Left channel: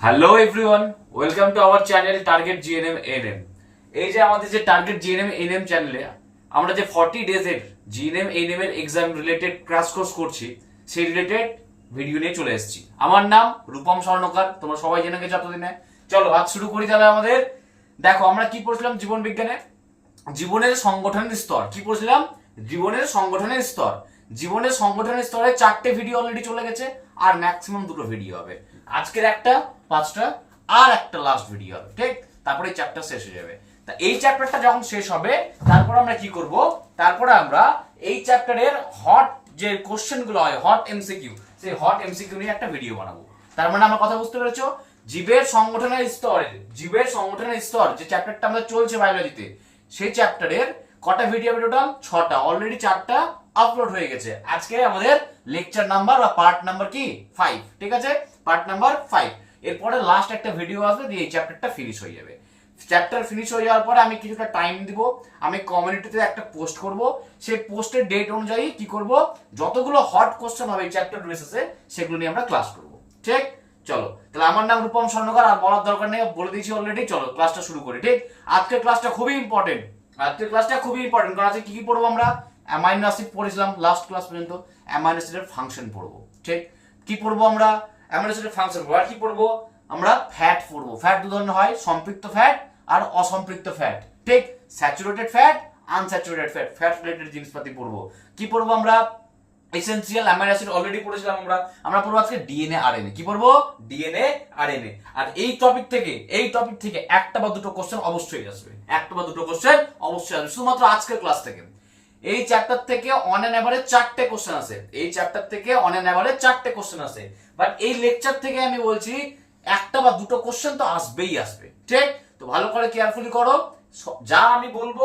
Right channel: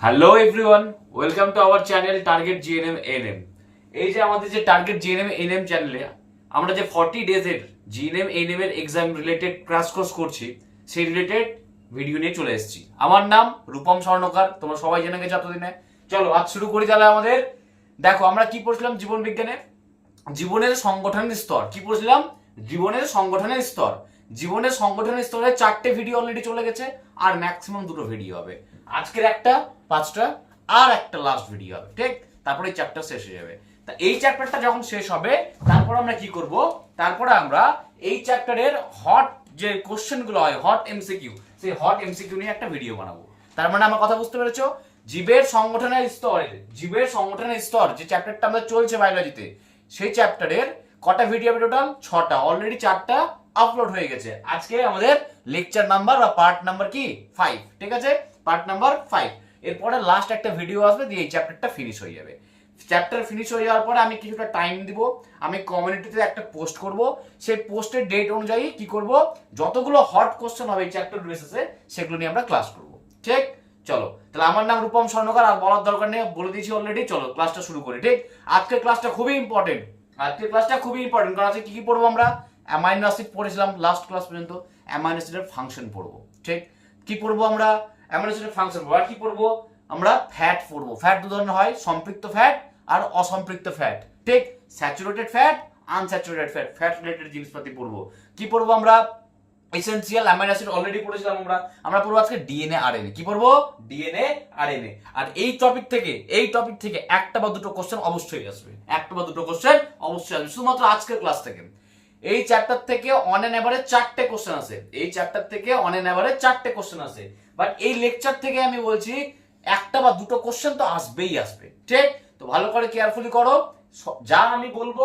Hello everyone, welcome to our channel target GNM NM. এই যে আমাদের যে টার্গেট জিএনএম এনএম চ্যানেলে আমরা যে 40 ডেজের জিএনএম এনএম এর এক্সাম রিলেটেড ক্র্যাশ কোর্স করছি, সেই রিলেটেড ভিডিও নিয়ে চলে এসেছি। আমার নাম রূপম স্বর্ণকার, তোমরা সবাই জেনে গেছো এতদিনে। চলো আজ শুরু করি তাহলে। আমাদের দেখো আমরা কি পড়ছিলাম জীবন বিজ্ঞানে, জীবনের সংগঠনের স্তর। কি পড়ছিলাম? জীবনের সংগঠনের স্তর। জীবনের সংগঠনের স্তরে 4টে ভিডিও অলরেডি চলে গেছে, আর ম্যাক্সিমাম 2টো ভিডিও হবে। আজকের একটা, 5টা, আর একটা লাস্ট ভিডিও হবে, ঠিক? তারপরে এই চ্যাপ্টার শেষ হয়ে যাবে। তা এই চ্যাপ্টারটা যখন শেষ হবে, তারপর আমরা কি করব? তারপরে আমরা এই চ্যাপ্টারের হট যে কোশ্চেন গুলো হয়, হট এমসিকিউ, সেই হট এমসিকিউ নিয়ে একটা ভিডিও বানাবো। তার মানে আমার কথা বুঝতে পেরেছো? জীবের সংগঠনের স্তর, জীবের সংগঠনের স্তর যে চ্যাপ্টারটা আমাদের চলছে বায়োলজিতে, সেই চ্যাপ্টারের কটা ভিডিও হবে? টোটাল 6টা। অলরেডি 4টা আপলোড হয়ে গেছে। আজকে আমাদের লেকচার নাম্বার বা পার্ট নাম্বার কি 5, ঠিক আছে? Part number 5। এরপরে লাস্ট একটা ভিডিও আসবে, দিয়ে এই চ্যাপ্টারটা ফিনিশ হয়ে যাবে। চ্যাপ্টার ফিনিশ হয়ে যাওয়ার পরে আমি কিছুটা টাইম দিব, আমি কমিউনিটিতে একটা পোস্ট করব। সেই পোস্টের ডেট অনুযায়ী কি করব, যতগুলো হট কোশ্চেন হবে এই চ্যাপ্টার বেসিসে, সেগুলো নিয়ে আমরা ক্লাস করব, ঠিক? চলো তাহলে, আমার নাম রূপম স্বর্ণকার, আর বলার দরকার নেই, বলে দিয়েছি অলরেডি। চলো ক্লাসটা শুরু করি, ঠিক? আজকের ক্লাসটা খুবই ইম্পর্টেন্ট। আজকের ক্লাসটা খুবই ইম্পর্টেন্ট, কারণ আজকে কি কি পড়বো আমরা? অ্যামাইনো অ্যাসিড পড়েছিলাম লাস্ট ক্লাস পর্যন্ত, অ্যামাইনো অ্যাসিডের ফাংশন পড়বো, ঠিক? কি পড়বো আমরা? অ্যামাইনো অ্যাসিডের ফাংশন পড়বো। আর কি পড়বো আমরা? ফ্যাট পড়বো। ফ্যাট দু ধরনের হয়, সম্পৃক্ত ফ্যাট আর অসম্পৃক্ত ফ্যাট, ঠিক? Saturated fat, unsaturated fat, fat related জিনিসপাতি পড়বো। কি পড়বো আমরা? এসেনশিয়াল অ্যামাইনো অ্যাসিড অলরেডি পড়েছিলাম আমরা। আমরা পড়বো আজকে ডিএনএ আরএনএ। কি পড়বো? DNA RNA. আর এই টপিক থেকে একটা বা দুটো কোশ্চেন অবশ্যই আসবে, একটা বা দুটো কোশ্চেন অবশ্যই আসবে, শুধুমাত্র আজকের ক্লাস থেকে। এই চ্যাপ্টার থেকে অন এন এভারেজ 4টে কোশ্চেন আসে। এই চ্যাপ্টার থেকে অন এন এভারেজ 4টে কোশ্চেন আসে। বাট এই লেকচার থেকে আমি বলছি একটা বা দুটো কোশ্চেন তো আসবেই আসবে, ঠিক? তো ভালো করে কেয়ারফুলি করো, যা আমি বলবো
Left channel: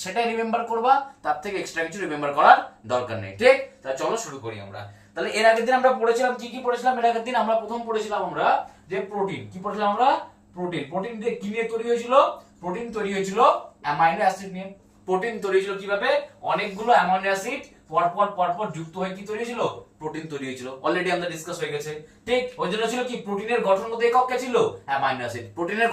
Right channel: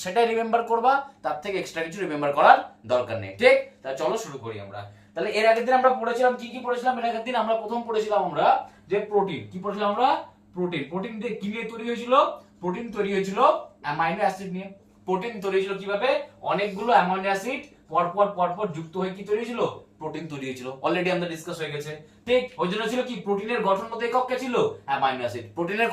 সেটাই রিমেম্বার করবা, তার থেকে এক্সট্রা কিছু রিমেম্বার করার দরকার নেই, ঠিক? তাহলে চলো শুরু করি আমরা। তাহলে এর আগের দিন আমরা পড়েছিলাম কি কি পড়েছিলাম? এর আগের দিন আমরা প্রথম পড়েছিলাম আমরা যে প্রোটিন। কি পড়েছিলাম আমরা? প্রোটিন। প্রোটিন দিয়ে কি নিয়ে তৈরি হয়েছিল? প্রোটিন তৈরি হয়েছিল অ্যামাইনো অ্যাসিড নিয়ে। প্রোটিন তৈরি হয়েছিল কিভাবে? অনেকগুলো অ্যামাইনো অ্যাসিড পরপর যুক্ত হয়ে কি তৈরি হয়েছিল? প্রোটিন তৈরি হয়েছিল। অলরেডি আমাদের ডিসকাস হয়ে গেছে, ঠিক? ওই জন্য ছিল কি, প্রোটিনের গঠনগত একক কে ছিল? Amino acid. প্রোটিনের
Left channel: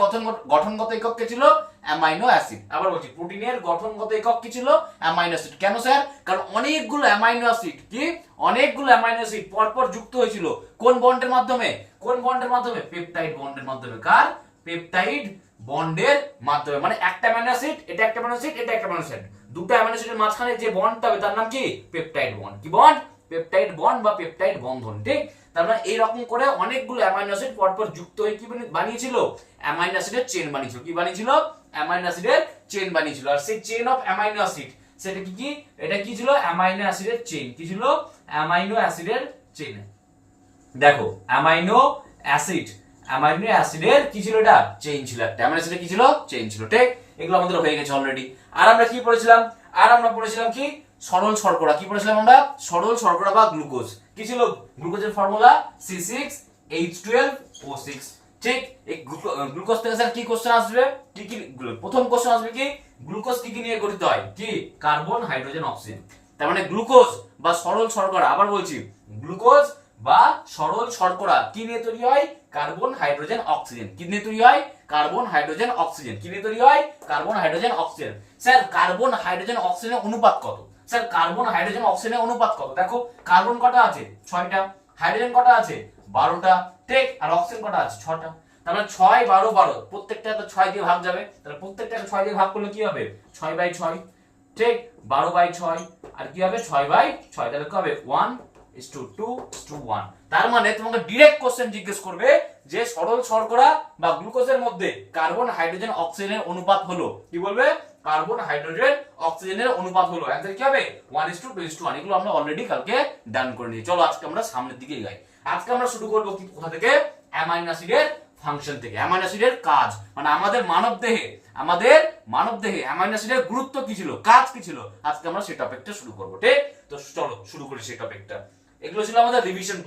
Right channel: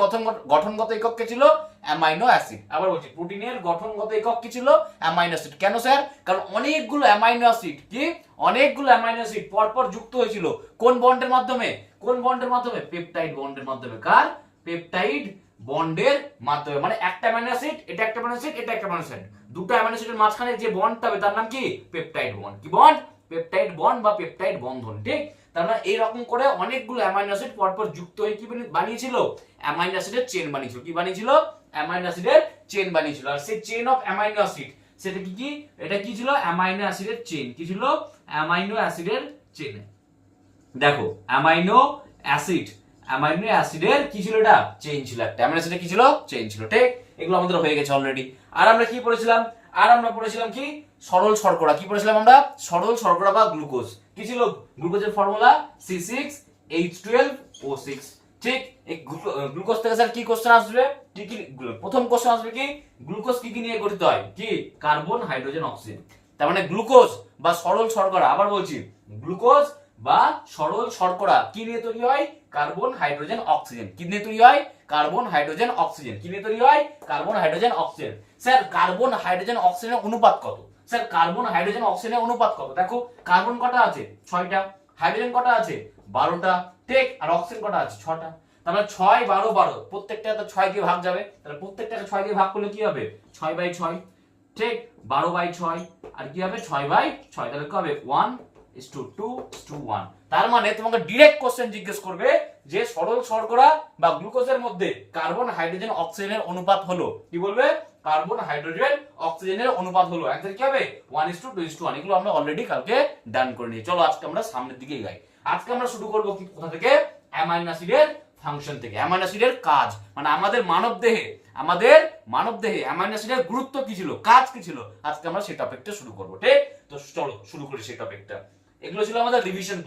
গঠনগত একক কে ছিল? Amino acid. আবার বলছি, প্রোটিনের গঠনগত একক কি ছিল? Amino acid. কেন স্যার? কারণ অনেকগুলো অ্যামাইনো অ্যাসিড অনেকগুলো অ্যামাইনো অ্যাসিড পরপর যুক্ত হয়েছিল। কোন বন্ডের মাধ্যমে? পেপটাইড বন্ডের মাধ্যমে। কার? পেপটাইড বন্ডের মাধ্যমে। মানে একটা অ্যামাইনো অ্যাসিড, এটা একটা অ্যামাইনো অ্যাসিড, এটা একটা অ্যামাইনো অ্যাসিড, দুটো অ্যামাইনো অ্যাসিডের মাঝখানে যে বন্ডটা হবে তার নাম কি? Peptide bond. কি বন্ড? পেপটাইড বন্ড বা পেপটাইড বন্ধন, ঠিক? তার মানে এইরকম করে অনেকগুলো অ্যামাইনো অ্যাসিড পরপর যুক্ত হয়ে কি বানিয়েছিল? অ্যামাইনো অ্যাসিডের চেইন বানিয়েছিল। কি বানিয়েছিল? অ্যামাইনো অ্যাসিডের চেইন বানিয়েছিল। আর সেই চেইন অফ অ্যামাইনো অ্যাসিড, সেটা কি? এটা কি ছিল? অ্যামাইনো অ্যাসিডের চেইন। কি ছিল? অ্যামাইনো অ্যাসিডের চেইন। দেখো, অ্যামাইনো অ্যাসিডের কি ছিল? এটা চেইন ছিল একটা। অ্যামাইনো অ্যাসিডের কি ছিল? চেইন ছিল, ঠিক? এগুলো আমাদের হয়ে গেছে অলরেডি। আর আমরা কি পড়েছিলাম? কি? সরল শর্করা। কি পড়েছিলাম আমরা? সরল শর্করা বা গ্লুকোজ। কি ছিল গ্লুকোজের ফর্মুলা? C6H12O6, ঠিক? এই গ্লুকোজ থেকে স্যার কি কোশ্চেন আসবে? প্রথম কোশ্চেন আসবে কি, গ্লুকোজ কি নিয়ে গঠিত হয়? কি? Carbon, hydrogen, oxygen. তার মানে গ্লুকোজ বা সরল শর্করা, আবার বলছি, গ্লুকোজ বা সরল শর্করা কি নিয়ে তৈরি হয়? Carbon, hydrogen, oxygen. কি নিয়ে তৈরি হয়? Carbon, hydrogen, oxygen. কি নিয়ে তৈরি হয়? Carbon, hydrogen, oxygen. Sir carbon, hydrogen, অক্সিজেনের অনুপাত কত? স্যার কার্বন, হাইড্রোজেন, অক্সিজেনের অনুপাত কত? দেখো, কার্বন কটা আছে? 6টা। হাইড্রোজেন কটা আছে? 12টা, ঠিক? আর অক্সিজেন কটা আছে? 6টা। তাহলে 6, 12, 12, প্রত্যেকটা তো 6 দিয়ে ভাগ যাবে। তাহলে প্রত্যেকটা 6 দিয়ে ভাগ করলে কি হবে? 6/6, ঠিক? 12/6, আর কি হবে? 6/6। তাহলে কি হবে? 1:2:1। তার মানে তোমাকে ডাইরেক্ট কোশ্চেন জিজ্ঞেস করবে যে সরল শর্করা বা গ্লুকোজের মধ্যে কার্বন, হাইড্রোজেন, অক্সিজেনের অনুপাত হলো। কি বলবে? কার্বন, হাইড্রোজেন, অক্সিজেনের অনুপাত হলো। অ্যানসার কি হবে? 1:2:1। এগুলো আমরা অলরেডি কালকে ডান করে নিয়েছি। চলো আজকে আমরা সামনের দিকে এগাই। আজকে আমরা শুরু করব কি, কোথা থেকে? অ্যামাইনো অ্যাসিডের ফাংশন থেকে, অ্যামাইনো অ্যাসিডের কাজ। মানে আমাদের মানব দেহে অ্যামাইনো অ্যাসিডের গুরুত্ব কি ছিল, কাজ কি ছিল, আজকে আমরা সেই টপিকটা শুরু করব, ঠিক? তো চলো শুরু করি সেই টপিকটা। এগুলো ছিল আমাদের রিভিশন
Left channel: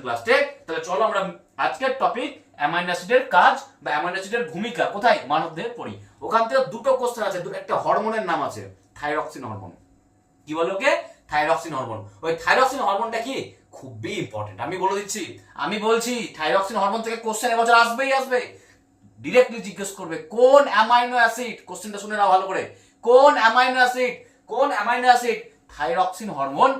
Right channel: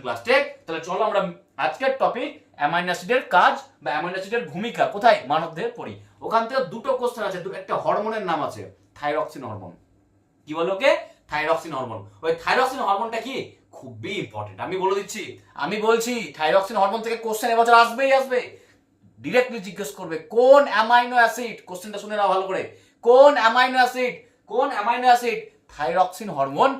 ক্লাস, ঠিক? তাহলে চলো আমরা আজকের টপিক অ্যামাইনো অ্যাসিডের কাজ বা অ্যামাইনো অ্যাসিডের ভূমিকা কোথায় মানবদেহে পড়ি। ওখান থেকে দুটো কোশ্চেন আছে, একটা হরমোনের নাম আছে থাইরক্সিন হরমোন। কি বলে ওকে? Thyroxine hormone. ওই থাইরক্সিন হরমোনটা কি? খুবই ইম্পর্টেন্ট। আমি বলে দিচ্ছি, আমি বলছি থাইরক্সিন হরমোন থেকে কোশ্চেন এবছর আসবেই আসবে। ডিরেক্টলি জিজ্ঞেস করবে কোন অ্যামাইনো অ্যাসিড, কোশ্চেনটা শুনে নাও ভালো করে, কোন অ্যামাইনো অ্যাসিড থাইরক্সিন হরমোন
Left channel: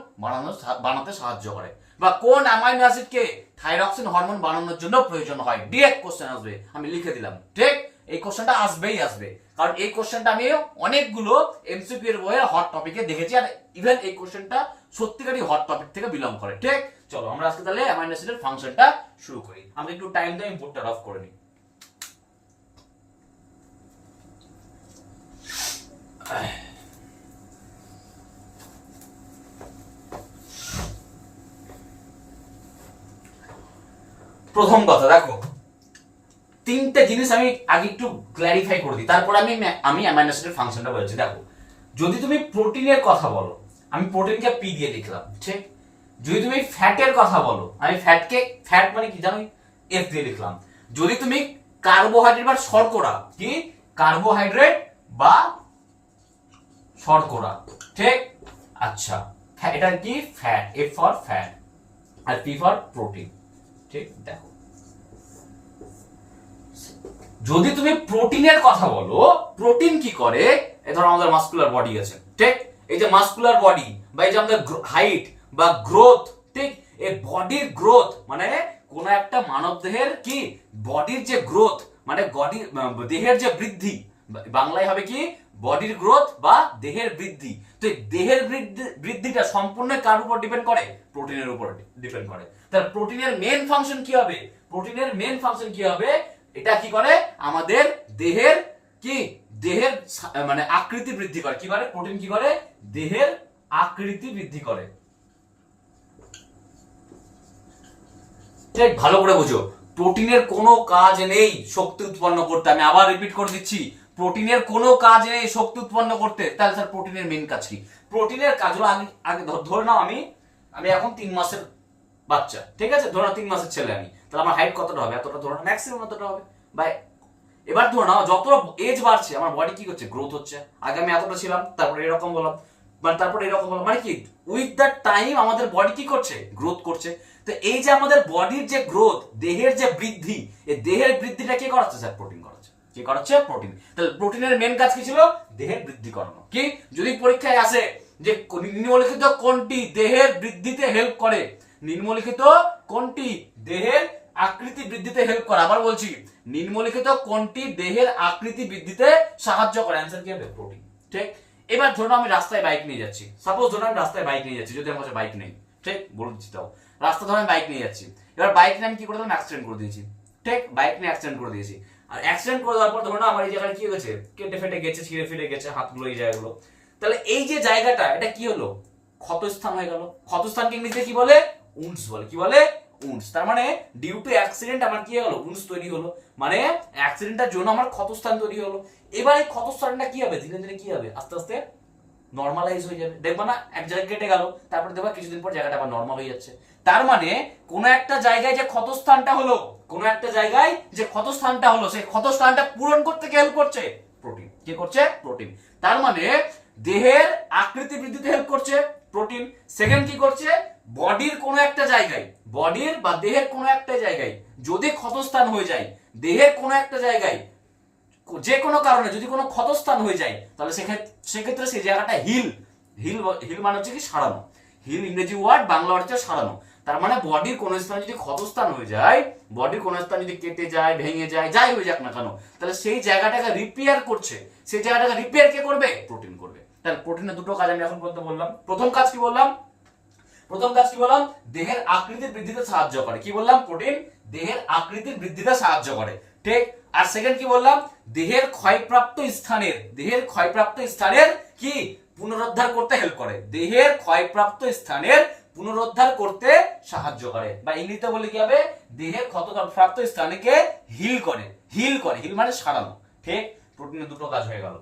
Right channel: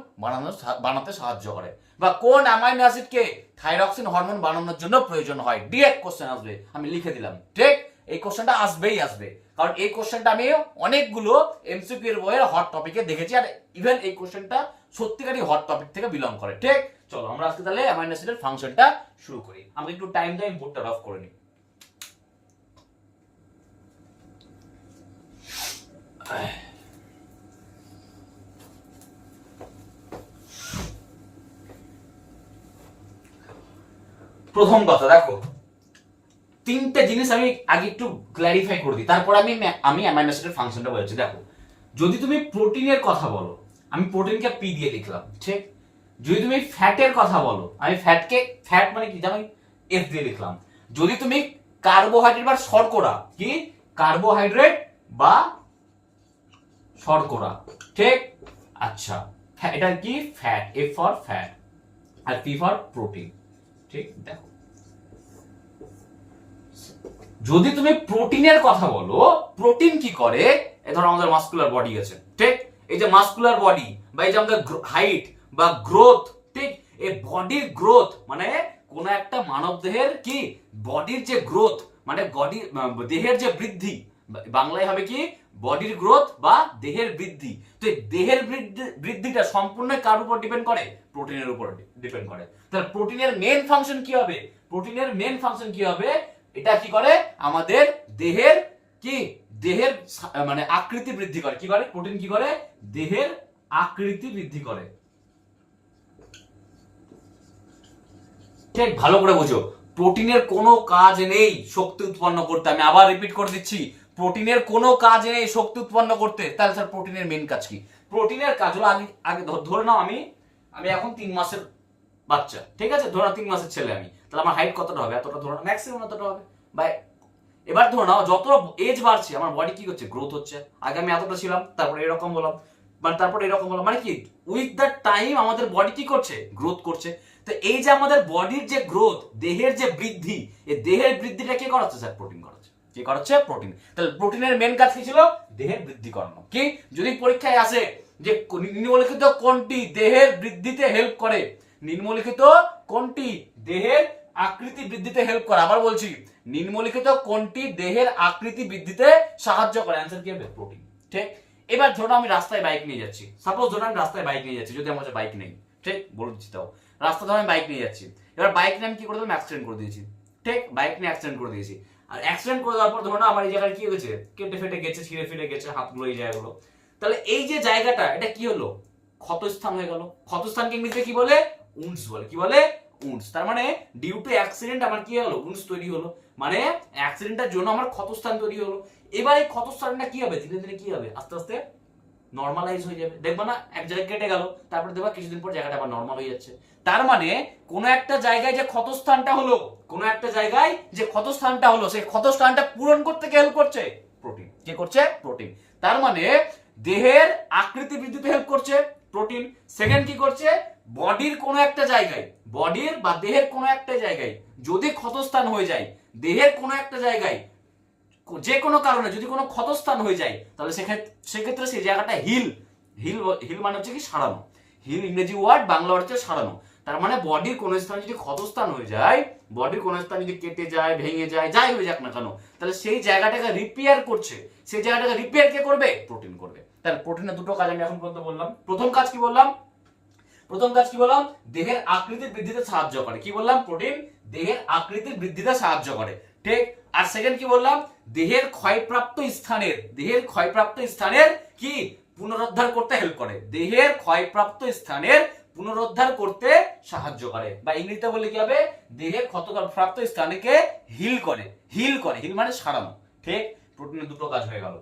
বানাতে সাহায্য করে, বা কোন অ্যামাইনো অ্যাসিডকে থাইরক্সিন হরমোন বানানোর জন্য প্রয়োজন হয়। ডিরেক্ট কোশ্চেন আসবে, আমি লিখে দিলাম। ঠিক, এই কোশ্চেনটা আসবেই আসবে, কারণ এই কোশ্চেনটা আমি অনেকগুলো এমসিকিউ এর বইয়ের হট টপিকে দেখেছি, আর ইভেন এই কোশ্চেনটা সত্যিকারই হট টপিক থেকে বিলং করে। ঠিক, চলো আমরা আজকে তাহলে অ্যামাইনো অ্যাসিডের ফাংশনটা শুরু করি। আমি একটু টাইম দিয়ে বোর্ডটা অফ করে নিই। প্রথম কথা দেখো, তিনটে জিনিস আমি আগে একটু ক্ল্যারিফাই করে দিই, তারপর আমি অ্যামাইনো অ্যাসিডের ফাংশনটা বলছি। দেখো, যদি তুমি প্রোটিনের কথা বলো, আমি প্রোটিনকে পি দিয়ে লিখলাম। ঠিক, যদি তুমি ফ্যাটের কথা বলো, আমি ফ্যাট মানে কি জানো, এফ দিয়ে লিখলাম। যদি তুমি কার্বোহাইড্রেট বা শর্করা, কি কার্বোহাইড্রেট বা শর্করা, ঠিক, আচ্ছা এটা কি ফ্যাট, এফ ফর ফ্যাট আর পি ফর প্রোটিন। ঠিক, দেখো যদি তুমি প্রোটিনের কথা বলো, প্রোটিন কি করে, এই ধরো আমাদের মাসকুলার বডি আছে। ঠিক, এই যে মাসকুলার বডি বা এই যে আমাদের হাইট বা গ্রোথ, ঠিক, এই বডির গ্রোথ মানে কোন একটা মানব দেহের কি বডির যে গ্রোথ মানে দেহের যে বৃদ্ধি, বাংলায় হবে কি বডির গ্রোথ বা দেহের বৃদ্ধি। তো এই দেহের বৃদ্ধিটা সম্পূর্ণ কার উপর ডিপেন্ড করে, প্রোটিনের উপর ডিপেন্ড করে। তাহলে প্রোটিনের মেন ফাংশন কি হবে, প্রোটিনের মেন ফাংশন কি হবে, এটা কি করে আমাদের দেহের মানে আকৃতি বৃদ্ধি করে। কি করে প্রোটিন, কি করে দেহের আকৃতি বৃদ্ধি করে। ঠিক, ভালো করে বুঝো, প্রোটিনের কোনো কাজ নেই শক্তি উৎপন্ন করতে। আমি আবার রিপিট করে দিচ্ছি, প্রোটিনের কোনো কাজ নেই শক্তি উৎপন্ন করতে। তাহলে স্যার প্রোটিনের মেন কাজ কি? প্রোটিনের কাজ হলো আগে ধরে নাও আমি এখন 3 মাসের বাচ্চা, ঠিক আছে, ধরো 3 মাসের ছেলে আমি, তাহলে আমার হাইট কতটা হবে, এতটা ধরো, ম্যাক্সিমাম এতটা হবে। বাই, এবার ধরো নাও যত এজ বাড়ছে আমার বডি কি করছে, গ্রোথ হচ্ছে। আগে আমি এতটা ছিলাম, তারপরে এরকম বললাম, মানে তারপরে এরকম বললাম, মানে কি উইথ দ্য টাইম আমাদের বডি কি করছে, গ্রোথ করছে। তো এই যে আমাদের বডির যে গ্রোথ, দেহের যে বৃদ্ধি, এই দেহের বৃদ্ধিটা কে করাচ্ছে, স্যার প্রোটিন করাচ্ছে। কি করাচ্ছে, প্রোটিন। তাহলে প্রোটিনের মেন কাজ কি ছিল, দেহের বৃদ্ধি করানো। কি, যদি পরীক্ষায় আসে যে নিম্নলিখিত কোনটি দেহের বৃদ্ধিতে হেল্প করে, নিম্নলিখিত কোনটি দেহের আকৃতি বৃদ্ধিতে হেল্প করে, আবার বলছি নিম্নলিখিত কোনটি দেহের আকৃতি বৃদ্ধিতে সাহায্য করে, অ্যান্সার কি হবে, প্রোটিন। ঠিক, এবার ধরো আমি রাস্তায় বাইক নিয়ে যাচ্ছি, সাপোজ ধরো আমি রাস্তায় বাইক নিয়ে যাচ্ছি, যদি আমার কাছে বাইক নেই, ঠিক, বলে দিচ্ছি, তাও রাস্তা ধরো আমি বাইক নিয়ে যাচ্ছি, এবার বাইক নিয়ে আমি কি করে দিলাম, অ্যাক্সিডেন্ট করে দিয়েছি। ঠিক, বাইক নিয়ে অ্যাক্সিডেন্ট করে দিয়েছি, আর অ্যাক্সিডেন্ট করে দেওয়ার পর ধরো না আমার এই জায়গায় কি হয়েছে, কেটে ফেটে গেছে, ছিঁড়ে ফিরে গেছে হাতগুলো, এই জায়গাগুলো। তাহলে এই যে জায়গাটা, এটা কি হলো, ক্ষতস্থান হয়ে গেল। ক্ষতস্থানকে ইংরেজিতে কি বলে, উন্ডস বলে। কি বলে, উন্ডস। তার মানে ডিউ টু অ্যাক্সিডেন্ট আমার কি হলো, উন্ডস তৈরি হলো, মানে অ্যাক্সিডেন্টের জন্য আমার ক্ষতস্থান তৈরি হলো। এবার এই ক্ষতস্থানটা কি হবে, ধীরে ধীরে কি হবে, আস্তে আস্তে নর্মালাইজ হয়ে যাবে। দেখবা না এক জায়গায় কেটে গেল, তারপরে দেখবা কিছুদিন পর জায়গাটা আবার নর্মাল হয়ে যাচ্ছে। তার মানে কোন একটা জায়গায় যে ক্ষতস্থানটা হলো, কোন একটা জায়গায় যে ক্ষতস্থানটা হলো, সেই ক্ষতস্থানটা পূরণ করতে কে হেল্প করছে, প্রোটিন। কে করছে, প্রোটিন। তার মানে দেহের আকৃতি বৃদ্ধিতে হেল্প করছে প্রোটিন। সেকেন্ড কি করছে, বডির কোন একটা জায়গায়, বডির বা দেহের কোন একটা জায়গায় যদি ক্ষতস্থান হয়ে যায়, দেহের কোন একটা জায়গায় যে কোনো কারণে যদি কোনো ক্ষতস্থান হয়ে যায়, তাহলে সেক্ষেত্রে সেই জায়গাটা হিল মানে হচ্ছে কি সারানো। হিল ইংরেজি ওয়ার্ড, বাংলা ওয়ার্ড হচ্ছে সারানো। তার মানে বডির কোনো স্থানে যদি ক্ষতস্থান হয়ে যায়, বডির কোনো স্থান যদি কেটে যায়, ভেঙে যায়, যাই হয়ে যাক না কেন, তাহলে সেই জায়গাটাকে রিপেয়ার করছে, সেই জায়গাটাকে রিপেয়ার কে করবে, প্রোটিন করবে। তাহলে প্রোটিনের দুটো কাজ আমি এখন পর্যন্ত বললাম। প্রথম কাজ কি বললাম, দেহের আকৃতির বৃদ্ধিতে সাহায্য করে। কি বললাম, প্রোটিন দেহের আকৃতির বৃদ্ধিতে সাহায্য করে। ঠিক, আর সেকেন্ড কি বললাম, দেহের ক্ষয়প্রাপ্ত স্থানের কি পুনরুদ্ধার করতে হেল্প করে, দেহের ক্ষয়প্রাপ্ত স্থানের পুনরুদ্ধার করতে সাহায্য করে, বা ইংরেজিতে বলে কি হবে, দেহের ক্ষতপ্রাপ্ত স্থানকে হিল করে। হিল মানে সারানো। ঠিক, প্রোটিনের দুটো কাজ হয়ে গেল।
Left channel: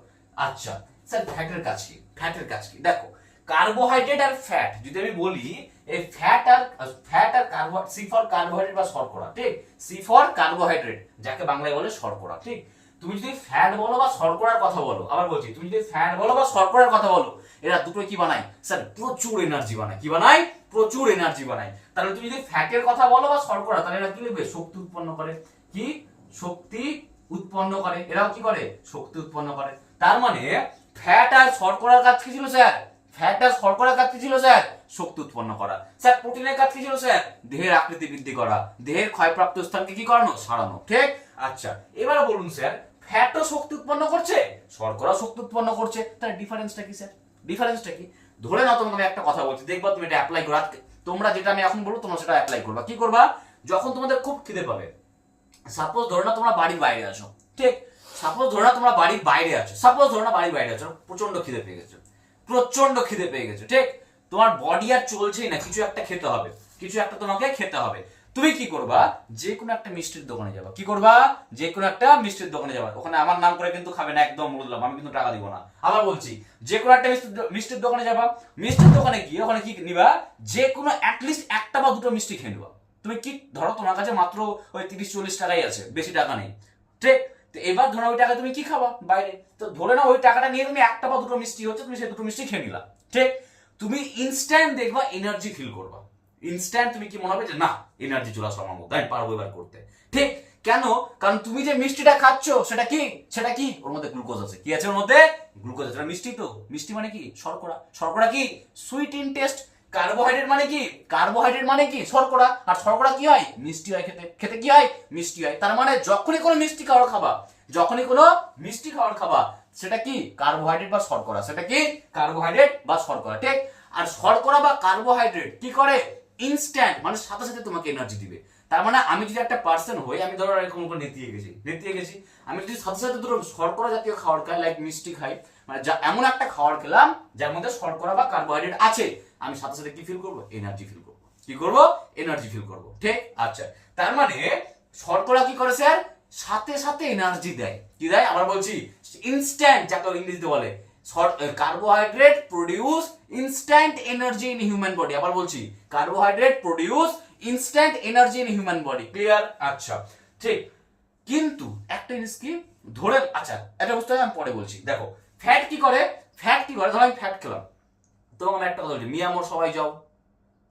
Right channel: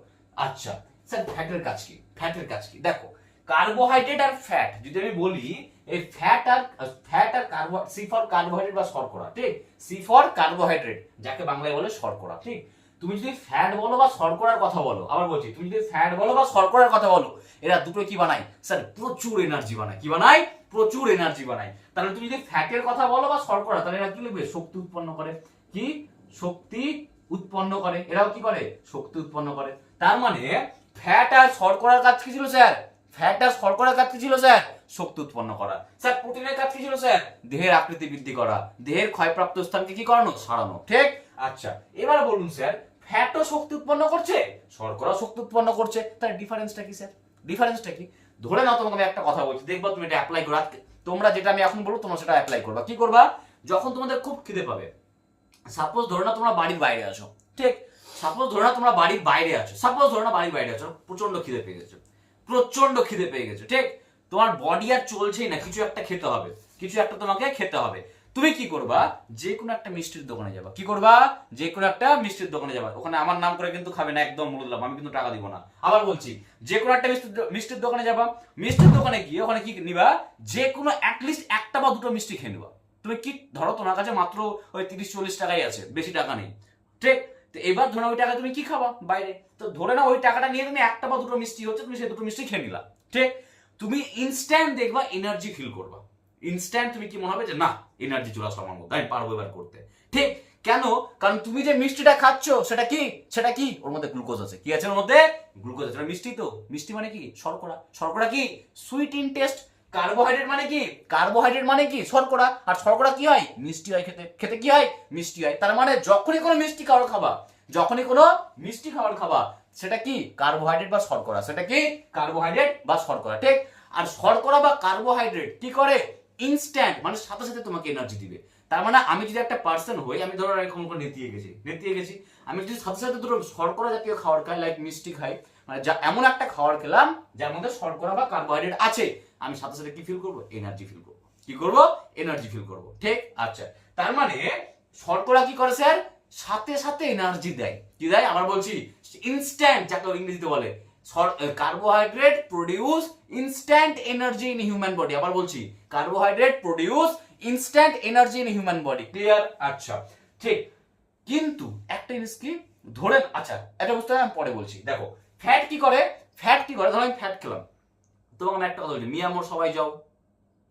আচ্ছা স্যার ফ্যাটের কাজ কি, দেখো কার্বোহাইড্রেট আর ফ্যাট যদি আমি বলি, এই ফ্যাট আর কার্বোহাইড্রেট, সি ফর কার্বোহাইড্রেট বা শর্করা। ঠিক, সি ফর কার্বোহাইড্রেট, যাকে বাংলায় বলে শর্করা। ঠিক, তুমি যদি ফ্যাট বলো বা শর্করার কথা বলো, আবার বলছি তুমি যদি ফ্যাট বলো বা শর্করার কথা বলো, এরা দুটো কি বানায়, স্যার প্রচুর এনার্জি বানায়। কি বানায়, প্রচুর এনার্জি বানায়। তাহলে তুমি যদি ফ্যাটের কথা বলো বা শর্করা, তাহলে এরা কি লিখবে? শক্তি উৎপন্ন করে। কি? শক্তি উৎপন্ন করে। এরাও কি করে? শক্তি উৎপন্ন করে। তার মানে ফ্যাট আর শর্করার কাজ কি ছিল স্যার? ফ্যাট আর শর্করার কাজ কি ছিল স্যার? শক্তি উৎপন্ন করা। স্যার প্রোটিনের কাজ কি ছিল স্যার? দেহের আকৃতি বৃদ্ধি করা, দেহের ক্ষয়প্রাপ্ত স্থানকে কি করানো? সারানো। ঠিক? আচ্ছা, এবার বলুন স্যার, ফ্যাটও শক্তি উৎপন্ন করছে, শর্করা শক্তি উৎপন্ন করছে, তার ডিফারেন্সটা কি স্যার? ডিফারেন্সটা কি? ধরে নাও তোমাকে আমি একটা কথা বলছি, দেখবা তুমি এটা অ্যাপ্লাই করো। তোমরা যেটা আমি এখন বলবো তোমরা সেটা অ্যাপ্লাই করবা। কি করবা? যখন তোমাদের খুব খিদে পাবে, সাপোজ ধরো না তোমরা বাড়ির বাইরে আছো, ঠিক? সাপোজ ধরো না তোমরা বাড়ির বাইরে আছো, সাপোজ ধরো না বাড়ির বাইরে আছো, প্রচন্ড খিদে পেয়ে গেছো, প্রচন্ড খিদে পেয়ে গেছো, ঠিক? তোমার বডি আর চলছেই না, কিছু একটা খেতে হবে, কিছু একটা তোমাকে খেতে হবে। তুমি কি করবা? যে কোনো একটা মিষ্টির দোকানে যাবা। কি করবা? যে কোনো একটা মিষ্টির দোকানে যাবা। ওখানে আমার নাম করে কিন্তু খাবে না, একদম বলে দিলাম, আমি কিন্তু টাকা দিব না। আবার বলছি, যে কোনো একটা মিষ্টির দোকানে যাবা। মিষ্টির দোকানে গিয়ে ওখানে কি নিবা? যে কোনো অ্যাটলিস্ট একটা বা দুটো মিষ্টি খেয়ে নেবা। তুমি কি ধরো তোমার কাছে মাত্র ওই 30-40 টাকাই আছে, বেশি টাকা নেই, ঠিক? তো এবার ধরো ওই টাকা তুমি কি খাবা বাইরে, তো ধরে না ওই টাকাটা নিয়ে তুমি একটা বা দুটো মিষ্টি হচ্ছে, তুমি সেই দুটো মিষ্টি খেয়ে নিলা, ঠিক? তুমি ইনস্ট্যান্ট দেখবা এনার্জি ফিল করবা। ইনস্ট্যান্ট তুমি কি মনে হবে যে না, এনার্জি চলে আসলো আমার মধ্যে, আমি পারবো এবার করতে, ঠিক? কেন? কারণ তুমি যে মিষ্টিটা খাচ্ছ সেটা কি? সেটা কি? ওর মধ্যে গ্লুকোজ আছে। কি আছে ওর মধ্যে? গ্লুকোজ আছে। মিষ্টি তো, মিষ্টি মানে কি? শর্করা। শর্করা কি? Sweet in test. কার্বোহাইড্রেট মানে কি? কার্বোহাইড্রেট মানে কি? শর্করা। আর শর্করা কি হয়? মিষ্টি হয় খেতে। খেতে কি হয়? মিষ্টি হয়। তার মানে যখনই কোনো মিষ্টি খাবার খাবা, যখনই কোনো মিষ্টি খাবার খাবা, সেটা কি? কার্বোহাইড্রেট বা শর্করা। সেটা কি? কার্বোহাইড্রেট বা শর্করা, ঠিক? আর শর্করা বা কার্বোহাইড্রেট কি করে? ইনস্ট্যান্ট, মানে সাথে সাথে তোমাকে এনার্জি দিবে। তার মানে আমি যদি একটা পার্সন হই, আমি ধরো এরকম করে নেতিয়ে গেছি, আমি যদি সাথে সাথে ধরো শর্করা জাতীয় খাবার খাই, লাইক মিষ্টি খাই, মানে এমন একটা খাবার খেলাম যার মধ্যে শর্করা বা কার্বোহাইড্রেট আছে, আমি সাথে সাথে কি ফিল করবো? এনার্জি ফিল করবো। কি করবো? এনার্জি ফিল করবো, ঠিক? আচ্ছা, তার মানে শর্করা কি করে স্যার? সাথে সাথে এনার্জি দেয়। কি দেয়? আবার বলছি, ইনস্ট্যান্ট, যাকে ইংরেজিতে বলে। Carbohydrate produce instant energy in human body. আবার বলছি, carbohydrate produce instant energy in human body. Clear? আচ্ছা, ঠিক। কিন্তু একটা জিনিস কি, ধরে, আচ্ছা এটা বুঝতে হবে, আমি পরে বলছি। দেখো ফ্যাট কি করে? ফ্যাট কি করে? ধরো আমি ফ্যাট খেলাম, তোমাকে আমি একটা কথা বলছি, মিয়ামোর সবাই যাও,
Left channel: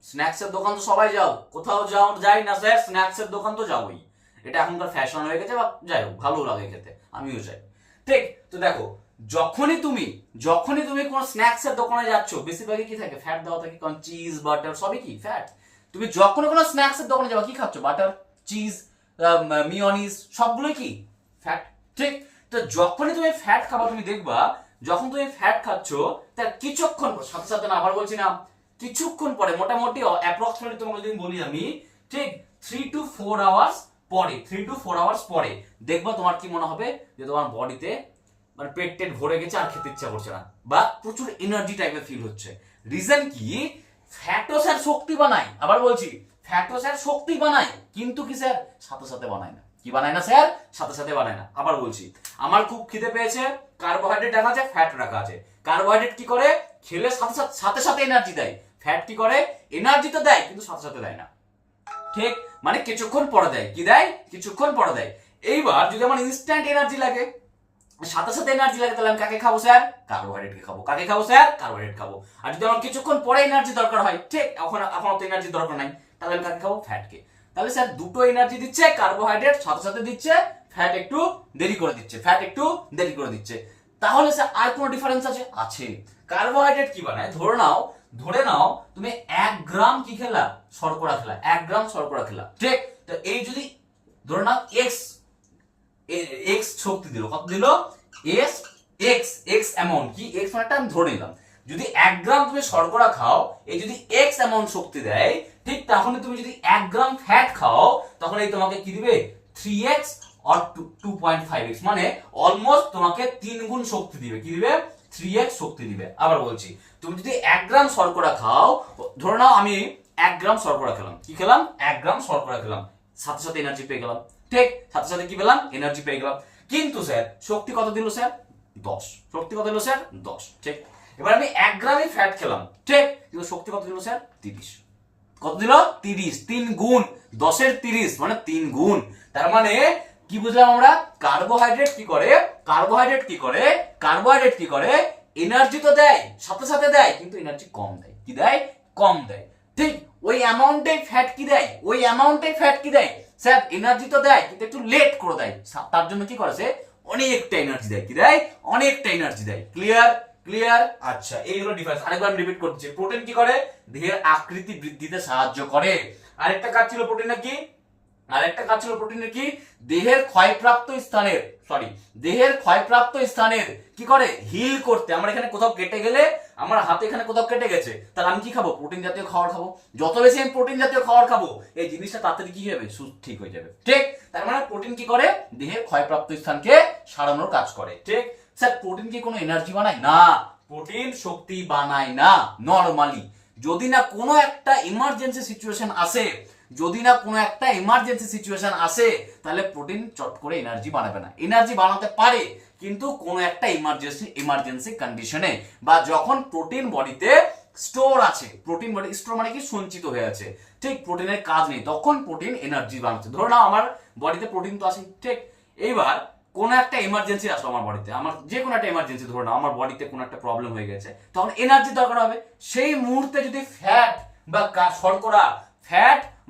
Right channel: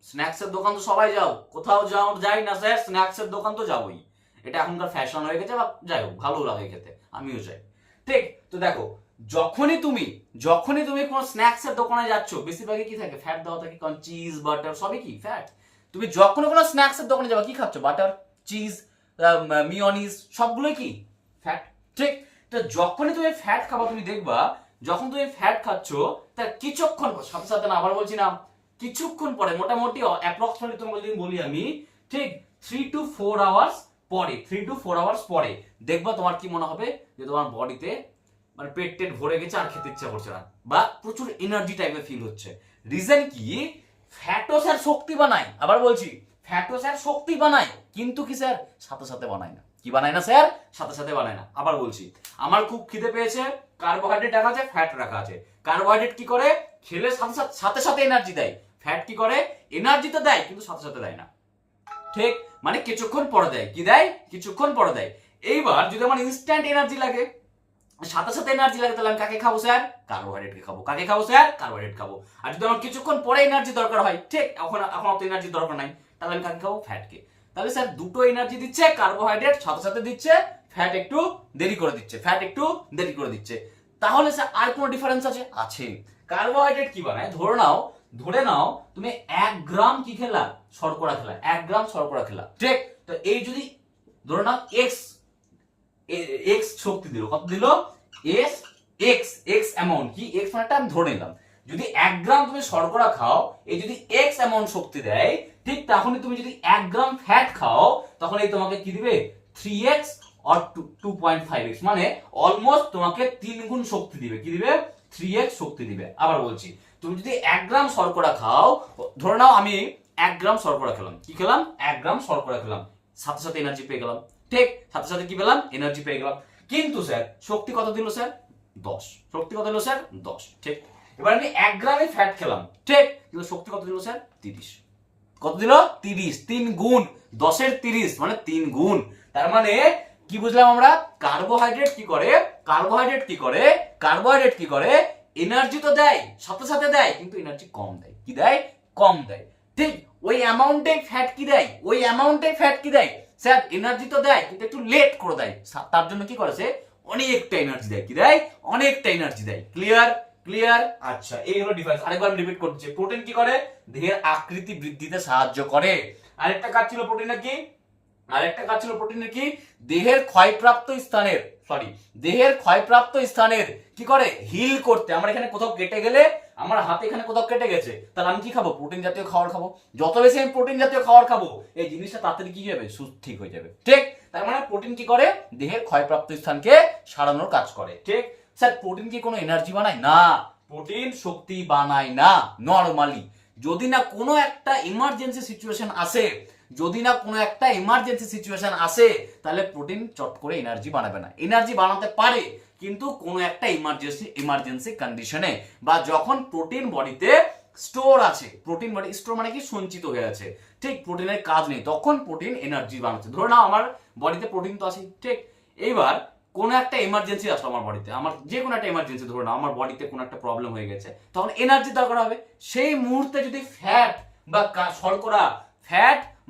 স্ন্যাক্সের দোকান তো সবাই যাও, কোথাও যাই না স্যার, স্ন্যাক্সের দোকান তো যাবোই। এটা এখনকার ফ্যাশন হয়ে গেছে, বা যাই হোক, ভালো লাগে খেতে, আমিও যাই, ঠিক? তো দেখো, যখনই তুমি কোনো স্ন্যাক্সের দোকানে যাচ্ছ, বেশিরভাগই কি থাকে? ফ্যাট দেওয়া থাকে, কারণ চিজ বাটার সবই কি? ফ্যাট। তুমি যখনই কোনো স্ন্যাক্সের দোকানে যাবে, কি খাচ্ছ? বাটার, চিজ, মিওনিজ, সবগুলোই কি? ফ্যাট, ঠিক? তো যখনই তুমি ফ্যাট খাবা, তুমি দেখবা যখন তুমি ফ্যাট খাচ্ছ, তার কিছুক্ষণ সাথে সাথে না, আবার বলছি না, কিছুক্ষণ পরে, মোটামুটি অ্যাপ্রক্সিমেটলি তোমাকে যদি বলি আমি, ঠিক 3 to 4 আওয়ার্স পরে, 3 to 4 আওয়ার্স পরে দেখবা তোমার কি মনে হবে? যে তোমার বডিতে মানে পেট টেট ভরে গেছে, আর খেতে ইচ্ছা করছে না, বা প্রচুর এনার্জি টাইপের ফিল হচ্ছে। রিজন কি? ফ্যাটও স্যার শক্তি বানায়। আবার বলছি, ফ্যাটও স্যার শক্তি বানায়, কিন্তু কি স্যার? সাথে সাথে বানায় না। কি বানায় না স্যার? সাথে সাথে বানায় না। আবার বলছি, আমার খুব খিদে পেয়েছে, কার্বোহাইড্রেট রাখা আছে, ফ্যাট রাখা আছে। কার্বোহাইড্রেট কি করে? খেলে সাথে সাথে এনার্জি দেয়। ফ্যাট কি করে? এনার্জি তো দেয়, কিন্তু সাথে সাথে দেয় না, ঠিক? মানে কিছুক্ষণ পরে দেয়। কি দেয়? কিছুক্ষণ পরে দেয়। এইবার যদি আমার ইনস্ট্যান্ট এনার্জি লাগে, সাথে সাথে এনার্জি লাগে, তাহলে আমি কাকে খাবো স্যার? কার্বোহাইড্রেটকে খাবো। কাকে খাবো স্যার? কার্বোহাইড্রেট খাবো। আর যদি আমার কিছুক্ষণ পরে এনার্জি দরকার হয়, ঠিক, এখন তো এনার্জি দরকার নাই, তাহলে আমি কাকে খাবো? ফ্যাটকে। তাহলে স্যার দুটো এনার্জি দিচ্ছে, কার্বোহাইড্রেট সাথে সাথে দিচ্ছে, ফ্যাট একটু দেরি করে দিচ্ছে। তাহলে স্যার আর কোনো ডিফারেন্স আছে? আছে। কার্বোহাইড্রেট কি বানায়? ধরে নাও তুমি 1 গ্রাম কি খেলা? শর্করা খেলা। 1 গ্রাম শর্করা খেলা, ঠিক? তো এই যদি ধরে নাও এক্স শক্তি দিল, কত দিল? এক্স অ্যামাউন্ট, কি এক্স মানেটা আমি ধরে নিলাম। যদি 1 গ্রাম তুমি শর্করা খাও, এই যদি এক্স অ্যামাউন্ট শক্তি দেয়, ঠিক, তাহলে তুমি যদি 1 গ্রাম ফ্যাট খাও, তখন এই তোমাকে কি দিবে? 3x অর 2.5x, মানে অলমোস্ট তোমাকে 3 গুণ শক্তি দিবে। কি দিবে? 3x শক্তি দিবে। আবার বলছি, তুমি যদি 1 গ্রাম শর্করা খাও, ধরে নাও আমি 1 গ্রাম শর্করা খেলাম, কি খেলাম? 1 গ্রাম শর্করা খেলাম, সাথে সাথে এনার্জি পেয়ে গেলাম, ঠিক? সাথে সাথে কি পেলাম? এনার্জি পেয়ে গেলাম। কিন্তু স্যার শক্তি কত দিল স্যার? 10। শক্তি কত দিল স্যার? 10, ঠিক? এবার আমি 1 গ্রামই ফ্যাট খেলাম, ঠিক, কিন্তু শক্তি কত দিল স্যার? 30। কত দিল? 30। 3 গুণ, 10 এর 30 মানে 3 গুণ। তার মানে কি বুঝলাম আমরা? কার্বোহাইড্রেট কি করে? এনার্জি তো দেয়, সাথে সাথে দেয়, কিন্তু এনার্জি কম দেয়। কি দেয়? কম দেয়, ঠিক? ওই অ্যামাউন্টে ফ্যাট কি দেয়, ওই অ্যামাউন্টে ফ্যাট কি দেয় স্যার, এনার্জি তো দেয় কিন্তু একটু লেট করে দেয়, তার জন্য কি করেছে অনেকটা এনার্জি দেয়, কি দেয় অনেকটা এনার্জি দেয়। ক্লিয়ার? ক্লিয়ার? আচ্ছা, এই হলো ডিফারেন্স। আরেকবার আমি রিপিট করছি, প্রোটিন কি করে, দেহের আকৃতি বৃদ্ধিতে সাহায্য করে। আরেকটা কাজ ছিল প্রোটিনের কি, আরেকটা কাজ ছিল প্রোটিনের কি, দেহের ক্ষয়প্রাপ্ত স্থানের দেহের ক্ষয়প্রাপ্ত স্থানের কি করে হিল করতে। আমরা এখানে কোথাও কেটে গেলে, আমার হাতে এখানে কোথাও কেটে গেছে, তাহলে আমি কি খাবো, প্রোটিন জাতীয় খাবার খাবো। যত বেশি আমি প্রোটিন জাতীয় খাবার খাবো এই জিনিসটা তাড়াতাড়ি কি হবে, ঠিক হয়ে যাবে। ঠিক, তার মানে প্রোটিন কি করে, দেহের ক্ষয়প্রাপ্ত স্থানকে সারানোর কাজ করে। ঠিক স্যার, প্রোটিন কি কোনো এনার্জি বানায় না, প্রোটিন শক্তি বানায় না নরমালি। যদি না কোনো একটা ইমার্জেন্সি সিচুয়েশন আসে, যদি না কোনো একটা ইমার্জেন্সি সিচুয়েশন আসে, তাহলে প্রোটিন চট করে এনার্জি বানাবে না। এনার্জি বানাতে পারে কিন্তু কোনো একটা ইমার্জেন্সি কন্ডিশনে, বা যখন প্রোটিন বডিতে স্টোর আছে, প্রোটিন বডি স্টোর মানে কি সঞ্চিত হয়ে আছে, ঠিক প্রোটিনের কাজ নেই, তখন প্রোটিন এনার্জি বানাচ্ছে। ধরো না আমার বডিতে প্রোটিন তো আছে, ঠিক, এইবার কোনো একটা এমার্জেন্সি আসলো আমার বডিতে, আমার যে কোনো একটা এমার্জেন্সি, ধরো না আমার বডিতে কোনো একটা প্রবলেম হয়ে গেছে, তখন এনার্জি দরকার হবে। সেই মুহূর্তে যদি ফ্যাট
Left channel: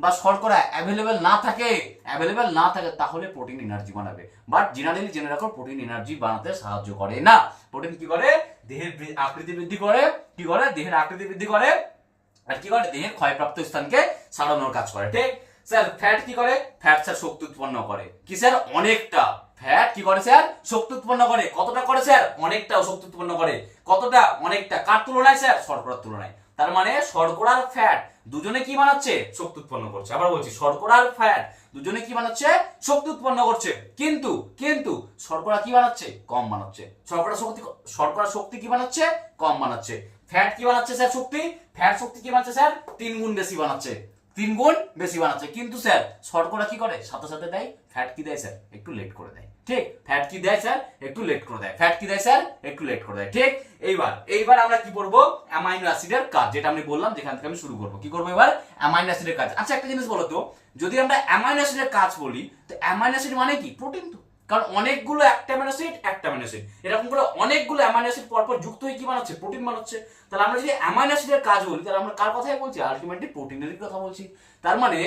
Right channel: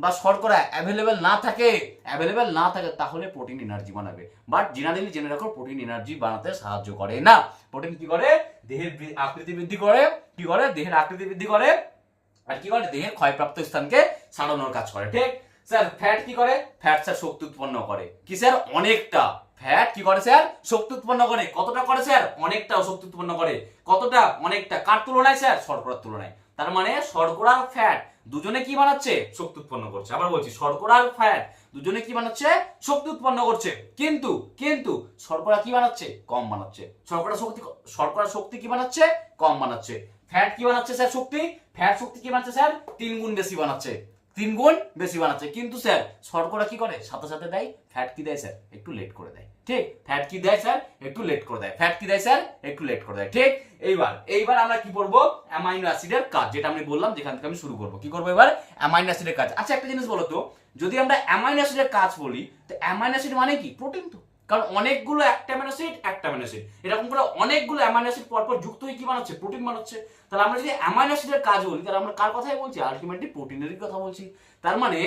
বা শর্করা অ্যাভেলেবেল না থাকে, তাহলে প্রোটিন এনার্জি বানাবে। বাট জেনারেলি জেনে রাখো, প্রোটিন এনার্জি বানাতে সাহায্য করে না। প্রোটিন কি করে, দেহের আকৃতি বৃদ্ধি করে, কি করে দেহের আকৃতি বৃদ্ধি করে, আর কি করে দেহের ক্ষয়প্রাপ্ত স্থানকে সারানোর কাজ করে। ঠিক স্যার, ফ্যাট কি করে, ফ্যাট স্যার শক্তি উৎপন্ন করে, কি স্যার অনেকটা। ফ্যাট কি করে স্যার, শক্তি উৎপন্ন করে। কতটা করে স্যার, অনেকটা শক্তি উৎপন্ন করে। কতটা, অনেকটা। কার তুলনায় স্যার, শর্করার তুলনায়। তার মানে শর্করা আর ফ্যাট দুজনে কি বানাচ্ছে, শক্তি উৎপন্ন করছে। আবার বলছি, শর্করা আর ফ্যাট দুজনে কি বানাচ্ছে, শক্তি উৎপন্ন করছে। কিন্তু কিন্তু শর্করা কি বানাচ্ছে, কম বানাচ্ছে। শর্করা শক্তি কি বানাচ্ছে, কম বানাচ্ছে। ফ্যাট কি বানাচ্ছে স্যার, ফ্যাট শক্তি কি বানাচ্ছে স্যার, 3 গুণ বেশি বানাচ্ছে, 3 গুণ বেশি বানাচ্ছে। কিন্তু স্যার শর্করা কি করে, সাথে সাথে দেয়। ফ্যাট কি দেয় স্যার, একটু লেট করে দেয়। ঠিক, ফ্যাট কি দেয় স্যার, একটু লেট করে দেয়। ফ্যাট কি দেয় স্যার, একটু লেট করে দেয়। ঠিক, এইবার আমরা কি করব, অ্যামাইনো অ্যাসিডের কাজ, যেটা আমি বললাম, যেখান থেকে আমি শুরু করব। কি করব এবার, অ্যামাইনো অ্যাসিডের কাজ। আচ্ছা, একটা জিনিস বলো তো, যদি আমরা অ্যামাইনো অ্যাসিডের কাজ বলি, তো অ্যামাইনো অ্যাসিড মানে কি, প্রোটিন তো। কারণ অনেকগুলো একটা অ্যামাইনো অ্যাসিড এরকম করে অনেকগুলো অ্যামাইনো অ্যাসিড পরপর যুক্ত হয়ে কি বানাচ্ছে, প্রোটিন বানাচ্ছে। তাহলে আমরা যদি অ্যামাইনো অ্যাসিডের কাজ বলি, তাহলে আমরা কার কথাই বলছি, আলটিমেটলি প্রোটিনেরই কথা বলছি। তার মানে,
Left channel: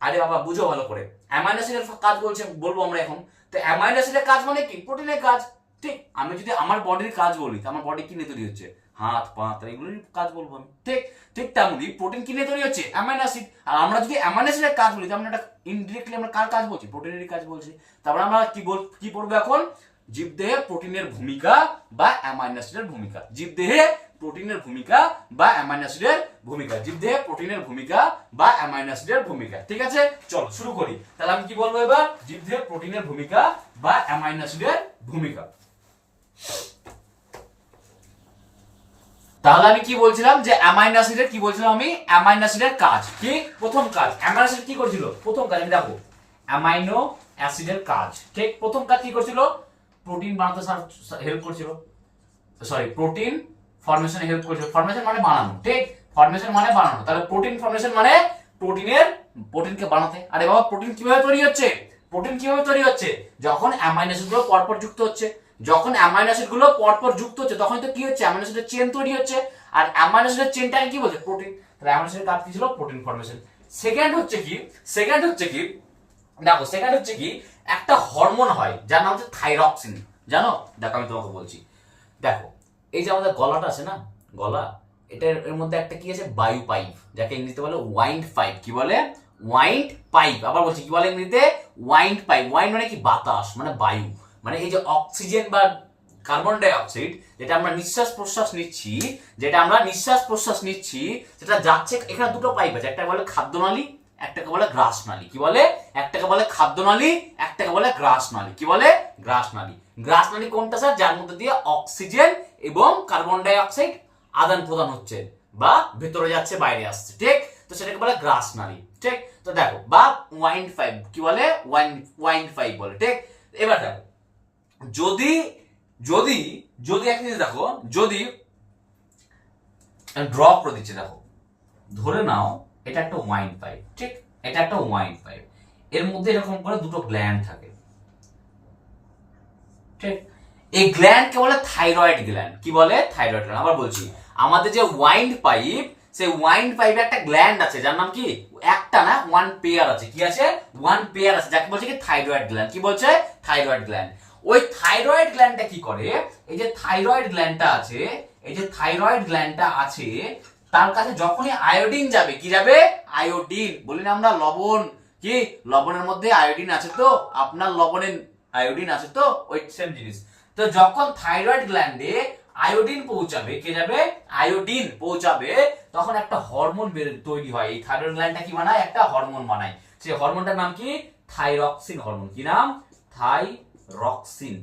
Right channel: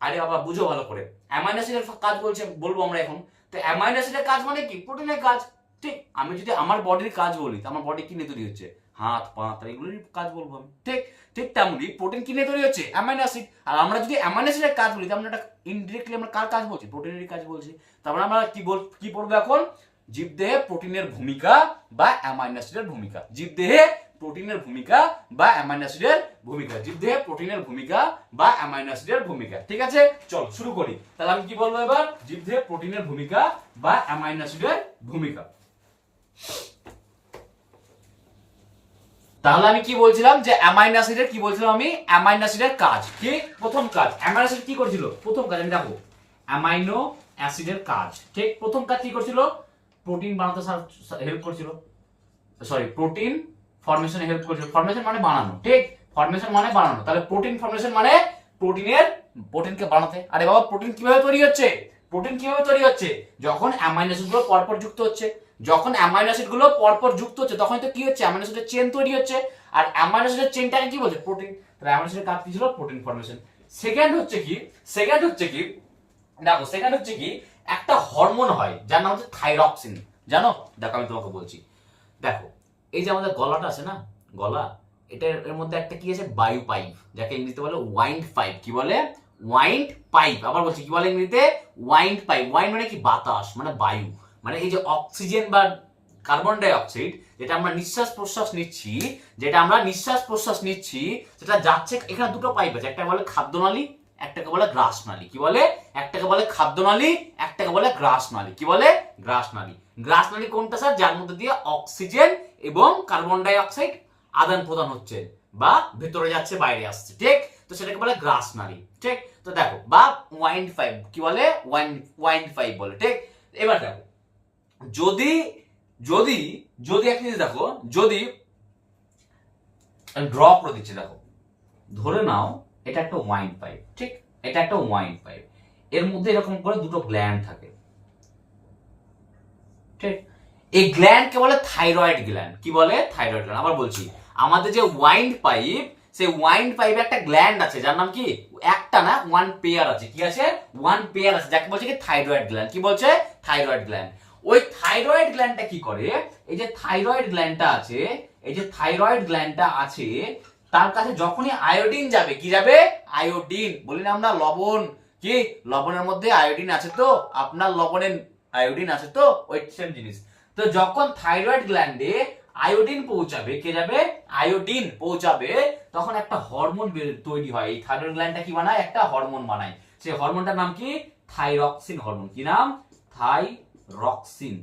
আরে বাবা বুঝো ভালো করে, অ্যামাইনো অ্যাসিডের কাজ বলবো আমরা এখন। তো অ্যামাইনো অ্যাসিডের কাজ মানে কি, প্রোটিনের কাজ। ঠিক, আমি যদি আমার বডির কাজ বলি, তো আমার বডি কি নিয়ে তৈরি হচ্ছে, হাত পা, এগুলোর কাজ বলবো আমি। ঠিক, ঠিক তেমনি প্রোটিন কি নিয়ে তৈরি হচ্ছে, অ্যামাইনো অ্যাসিড। আর আমরা যদি অ্যামাইনো অ্যাসিডের কাজ বলি, তাহলে আমরা ইনডিরেক্টলি আমরা কার কাজ বলছি, প্রোটিনেরই কাজ বলছি। তারপরে আমরা কি পড়বো এখন, জীবদেহে প্রোটিনের ভূমিকা বা অ্যামাইনো অ্যাসিডের ভূমিকা। জীবদেহে প্রোটিনের ভূমিকা বা অ্যামাইনো অ্যাসিডের ভূমিকা, জীবদেহে প্রোটিনের ভূমিকা বা অ্যামাইনো অ্যাসিডের ভূমিকা। ঠিক আছে, চলো শুরু করি। তাহলে আমি কি বলবো এবার, জীবদেহে প্রোটিনের ভূমিকা বা অ্যামাইনো অ্যাসিডের ভূমিকা। তাহলে আমি কি বলছিলাম, যে অ্যামাইনো অ্যাসিডের কি বলছিলাম আমি, অ্যামাইনো অ্যাসিডের কাজ কি, প্রথম কাজ। অ্যামাইনো অ্যাসিড কি করছিল, প্রথম কাজ আমি দেখো, অ্যামাইনো অ্যাসিডের কাজ। ঠিক, প্রথম কাজ কি করছিল, প্রোটিন বানাতে হেল্প করছিল, প্রোটিন ফরমেশনে হেল্প করছিল। ফরমেশন মানে বানানো। ঠিক, ফরমেশন মানে বানানো। তাহলে প্রোটিন ফরমেশন মানে প্রোটিনকে বানাতে। আরে বাবা, প্রোটিন কিভাবে তৈরি হচ্ছে, যখন অ্যামাইনো অ্যাসিড গুলো পরপর যুক্ত হচ্ছে, তখন তো কি হচ্ছে, অ্যামাইনো অ্যাসিডের চেন তৈরি হচ্ছে। আর অ্যামাইনো অ্যাসিডের চেনটাকে কি বলছে, প্রোটিন। তাহলে অ্যামাইনো অ্যাসিডের কাজ কি ছিল, প্রোটিন ফরমেশন। সেকেন্ড হচ্ছে কি একটা হরমোন হয় যার নাম হচ্ছে থাইরক্সিন। জানো, দেখো আমি তোমাকে বলছি, দেখো এই যে আমাদের গলাটা আছে না, গলা, এর মধ্যে একটা কি আছে, বায়ু পাইপ, যাকে ইংরেজিতে বলে ওয়াইন্ড পাইপ। কি বলে, ওয়াইন্ড পাইপ। আবার বলছি, কি বলে ইংরেজিতে, ওয়াইন্ড পাইপ। ওয়াইন্ড মানে কি, বাতাস, মানে বায়ু, মানে এই যে অক্সিজেন বা কার্বন ডাই অক্সাইড যেটা আমরা নিঃশ্বাস প্রশ্বাস নিচ্ছি, সেটা যাচ্ছে। এখানে দুটো পাইপ আছে, একটা বলে খাদ্যনালী, একটাকে বলে গ্রাসনালী। কি বলে, একটাকে বলে খাদ্যনালী, একটাকে বলে গ্রাসনালী। কি বলে, গ্রাসনালী। গ্রাসনালী কোনটা স্যার, যার মধ্যে দিয়ে অক্সিজেন এবং কার্বন ডাই অক্সাইড আদান প্রদান হচ্ছে, বা ভেতরে যাচ্ছে বাইরে আসছে। ঠিক, তো সেটাকে বলে গ্রাসনালী। ঠিক, তো দেখো, বা ওয়াইন্ড পাইপ, কি বলে, ওয়াইন্ড পাইপ বলে। ঠিক, এবার দেখো, যদি একটা জিনিস দেখো, যদি ড্র করে দিচ্ছে, দেখো ধরে নাও এটা একটা ওয়াইন পাইপ। ঠিক, এটা একটা ওয়াইন পাইপ, এর মধ্যে এরকম করে দুটো গ্ল্যান্ড থাকে। ঠিক, এই গ্ল্যান্ড কে বলে থাইরয়েড গ্ল্যান্ড। কি বলে, থাইরয়েড গ্ল্যান্ড। আবার বলছি, আমাদের যে ওয়াইন পাইপ, সেই ওয়াইন্ড পাইপে একটা গ্ল্যান্ড আছে যার নাম কি, একটা না ওয়ান পেয়ার আছে, কি আছে, ওয়ান পেয়ার আছে, যাকে বলছে কি থাইরয়েড গ্ল্যান্ড। কি বলছে, থাইরয়েড গ্ল্যান্ড। ওই থাইরয়েড গ্ল্যান্ডটা কি করে, এই যে থাইরয়েড গ্ল্যান্ডটা আছে, এই যে থাইরয়েড গ্ল্যান্ডটা আছে, তার কাছে যখনই আয়োডিন যাবে, কি যাবে, আয়োডিন, বলি না আমরা লবণ, কি লবণের মধ্যে আয়োডিন আছে তো, আপনার লবণে আয়োডিন আছে তো, ওই সেম জিনিস। তো যখন থাইরয়েড গ্ল্যান্ডে আয়োডিন পৌঁছাবে, কে যাবে, আয়োডিন পৌঁছাবে, তখন একটা হরমোন তৈরি হয়। এই থাইরয়েড গ্ল্যান্ডটা কি বানায়, একটা হরমোন বানায়। সেই হরমোনটার নাম কি, থাইরক্সিন হরমোন। কি নাম, থাইরক্সিন,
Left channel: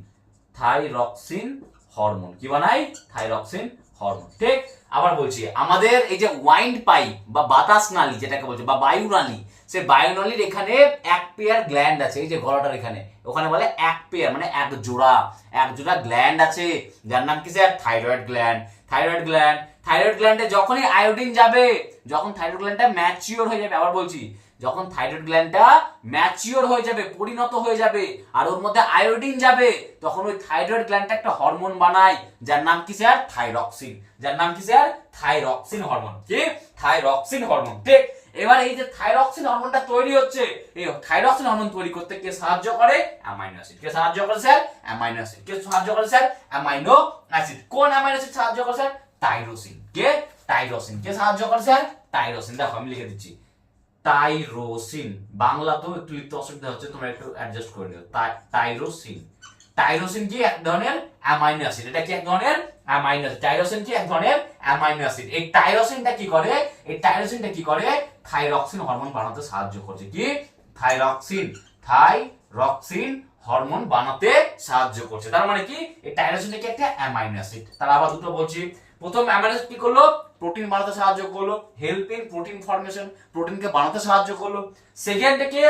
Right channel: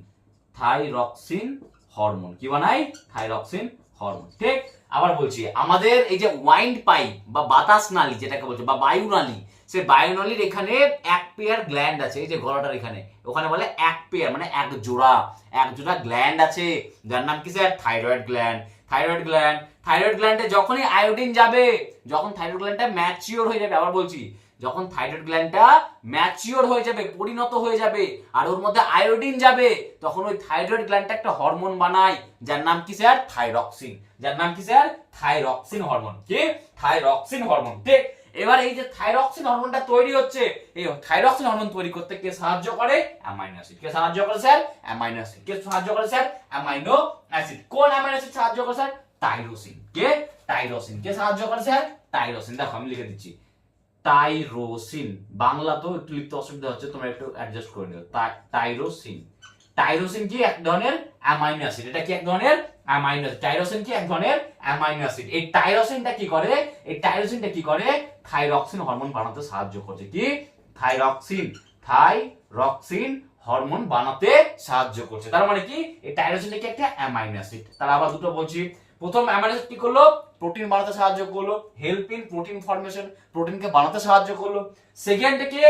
থাইরক্সিন হরমোন। কি বানায়, থাইরক্সিন হরমোন। ঠিক। আবার বলছি, আমাদের এই যে ওয়াইন্ড পাইপ বা বাতাস নালী যেটাকে বলছে, বা বায়ু নালী, সে বায়ু নালীর এখানে এক পেয়ার গ্ল্যান্ড আছে, এই যে গলাটার এখানে, ওখানে বলে এক পেয়ার, মানে এক জোড়া গ্ল্যান্ড আছে, যার নাম কি sir, thyroid gland. Thyroid gland, thyroid গ্ল্যান্ডে যখনই আয়োডিন যাবে, যখন থাইরয়েড গ্ল্যান্ডটা ম্যাচিওর হয়ে যাবে, আবার বলছি, যখন থাইরয়েড গ্ল্যান্ডটা ম্যাচিওর হয়ে যাবে, পরিণত হয়ে যাবে, আর ওর মধ্যে আয়োডিন যাবে, তখন ওই থাইরয়েড গ্ল্যান্ডটা একটা হরমোন বানায়, যার নাম কি স্যার, থাইরক্সিন। যার নাম কি স্যার, থাইরক্সিন হরমোন। কি, থাইরক্সিন হরমোন। ঠিক। এবার এই যে থাইরক্সিন হরমোনটা তৈরি হচ্ছে, এই থাইরক্সিন হরমোন তৈরি করতে কে সাহায্য করে, অ্যামাইনো অ্যাসিড। কে সাহায্য করে স্যার, অ্যামাইনো অ্যাসিড। কে সাহায্য করে স্যার, অ্যামাইনো অ্যাসিড। কোন অ্যামাইনো অ্যাসিড সাহায্য করে স্যার, টাইরোসিন। কে, টাইরোসিন। কে সাহায্য করে স্যার, টাইরোসিন। দেখো আমি লিখে দিচ্ছি, টাইরোসিন। বাংলা তো একটু লিখতে অসুবিধা হচ্ছে, তোমরা একটু অ্যাডজাস্ট করে নিও। টাইরোসিন। টাইরোসিন কি এক ধরনের অ্যামাইনো অ্যাসিড, এটা কি এক ধরনের অ্যামাইনো অ্যাসিড। টাইরোসিন কি এক ধরনের অ্যামাইনো অ্যাসিড। এই টাইরোসিনটা কি করে, এই টাইরোসিনটা কি করে, থাইরক্সিন হরমোন বানাতে সাহায্য করছে। কি, থাইরক্সিন, থাইরক্সিন হরমোন বানাতে সাহায্য করছে। তার মানে কি, এই টাইরোসিনটা কি একটা অ্যামাইনো অ্যাসিড। তাহলে আবার দুটো বলছি, প্রথম অ্যামাইনো অ্যাসিড কি করলো, প্রোটিন বানাতে সাহায্য করলো, হেল্প ইন প্রোটিন ফর্মেশন, প্রোটিনকে বানাতে সাহায্য করলো। সেকেন্ডে কি,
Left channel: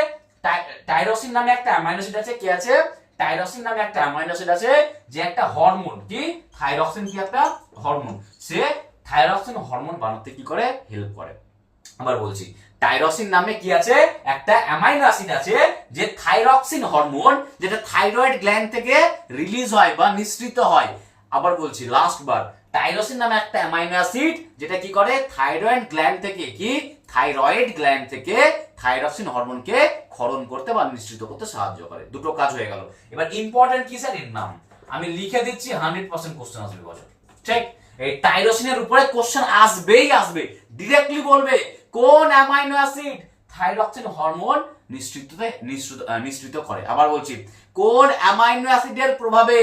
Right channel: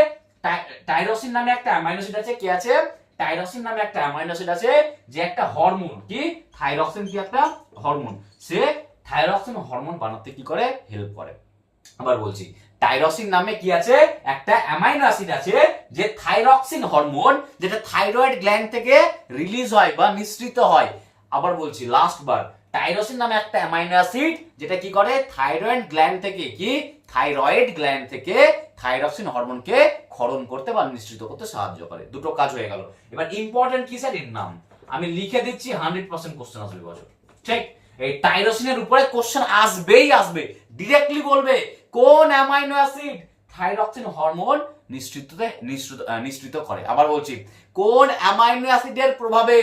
টাইরোসিন নামে একটা অ্যামাইনো অ্যাসিড আছে, কি আছে, টাইরোসিন নামে একটা অ্যামাইনো অ্যাসিড আছে, যে একটা হরমোন, কি থাইরক্সিন, কি একটা হরমোন, সে থাইরক্সিন হরমোন বানাতে কি করে, হেল্প করে। আবার বলছি, টাইরোসিন নামে কি আছে, একটা অ্যামাইনো অ্যাসিড আছে, যে থাইরক্সিন হরমোন, যেটা থাইরয়েড গ্ল্যান্ড থেকে রিলিজ হয় বা নিঃসৃত হয়। আবার বলছি লাস্ট বার, টাইরোসিন নামে একটা অ্যামাইনো অ্যাসিড, যেটা কি করে, থাইরয়েড গ্ল্যান্ড থেকে, কি থাইরয়েড গ্ল্যান্ড থেকে থাইরক্সিন হরমোনকে ক্ষরণ করতে বা নিঃসৃত করতে সাহায্য করে। দুটো কাজ হয়ে গেল। এবার ইম্পর্টেন্ট কি স্যার, এর নাম আমি লিখে দিচ্ছি, 100% কোশ্চেন আসবে বছর। ঠিক। এই টাইরোসিনের উপরে কোশ্চেন আসবেই আসবে, ডিরেক্টলি বলবে কোন অ্যামাইনো অ্যাসিড থাইরক্সিন হরমোন নিঃসৃত করে। আবার বলছি, কোন অ্যামাইনো অ্যাসিডের প্রভাবে,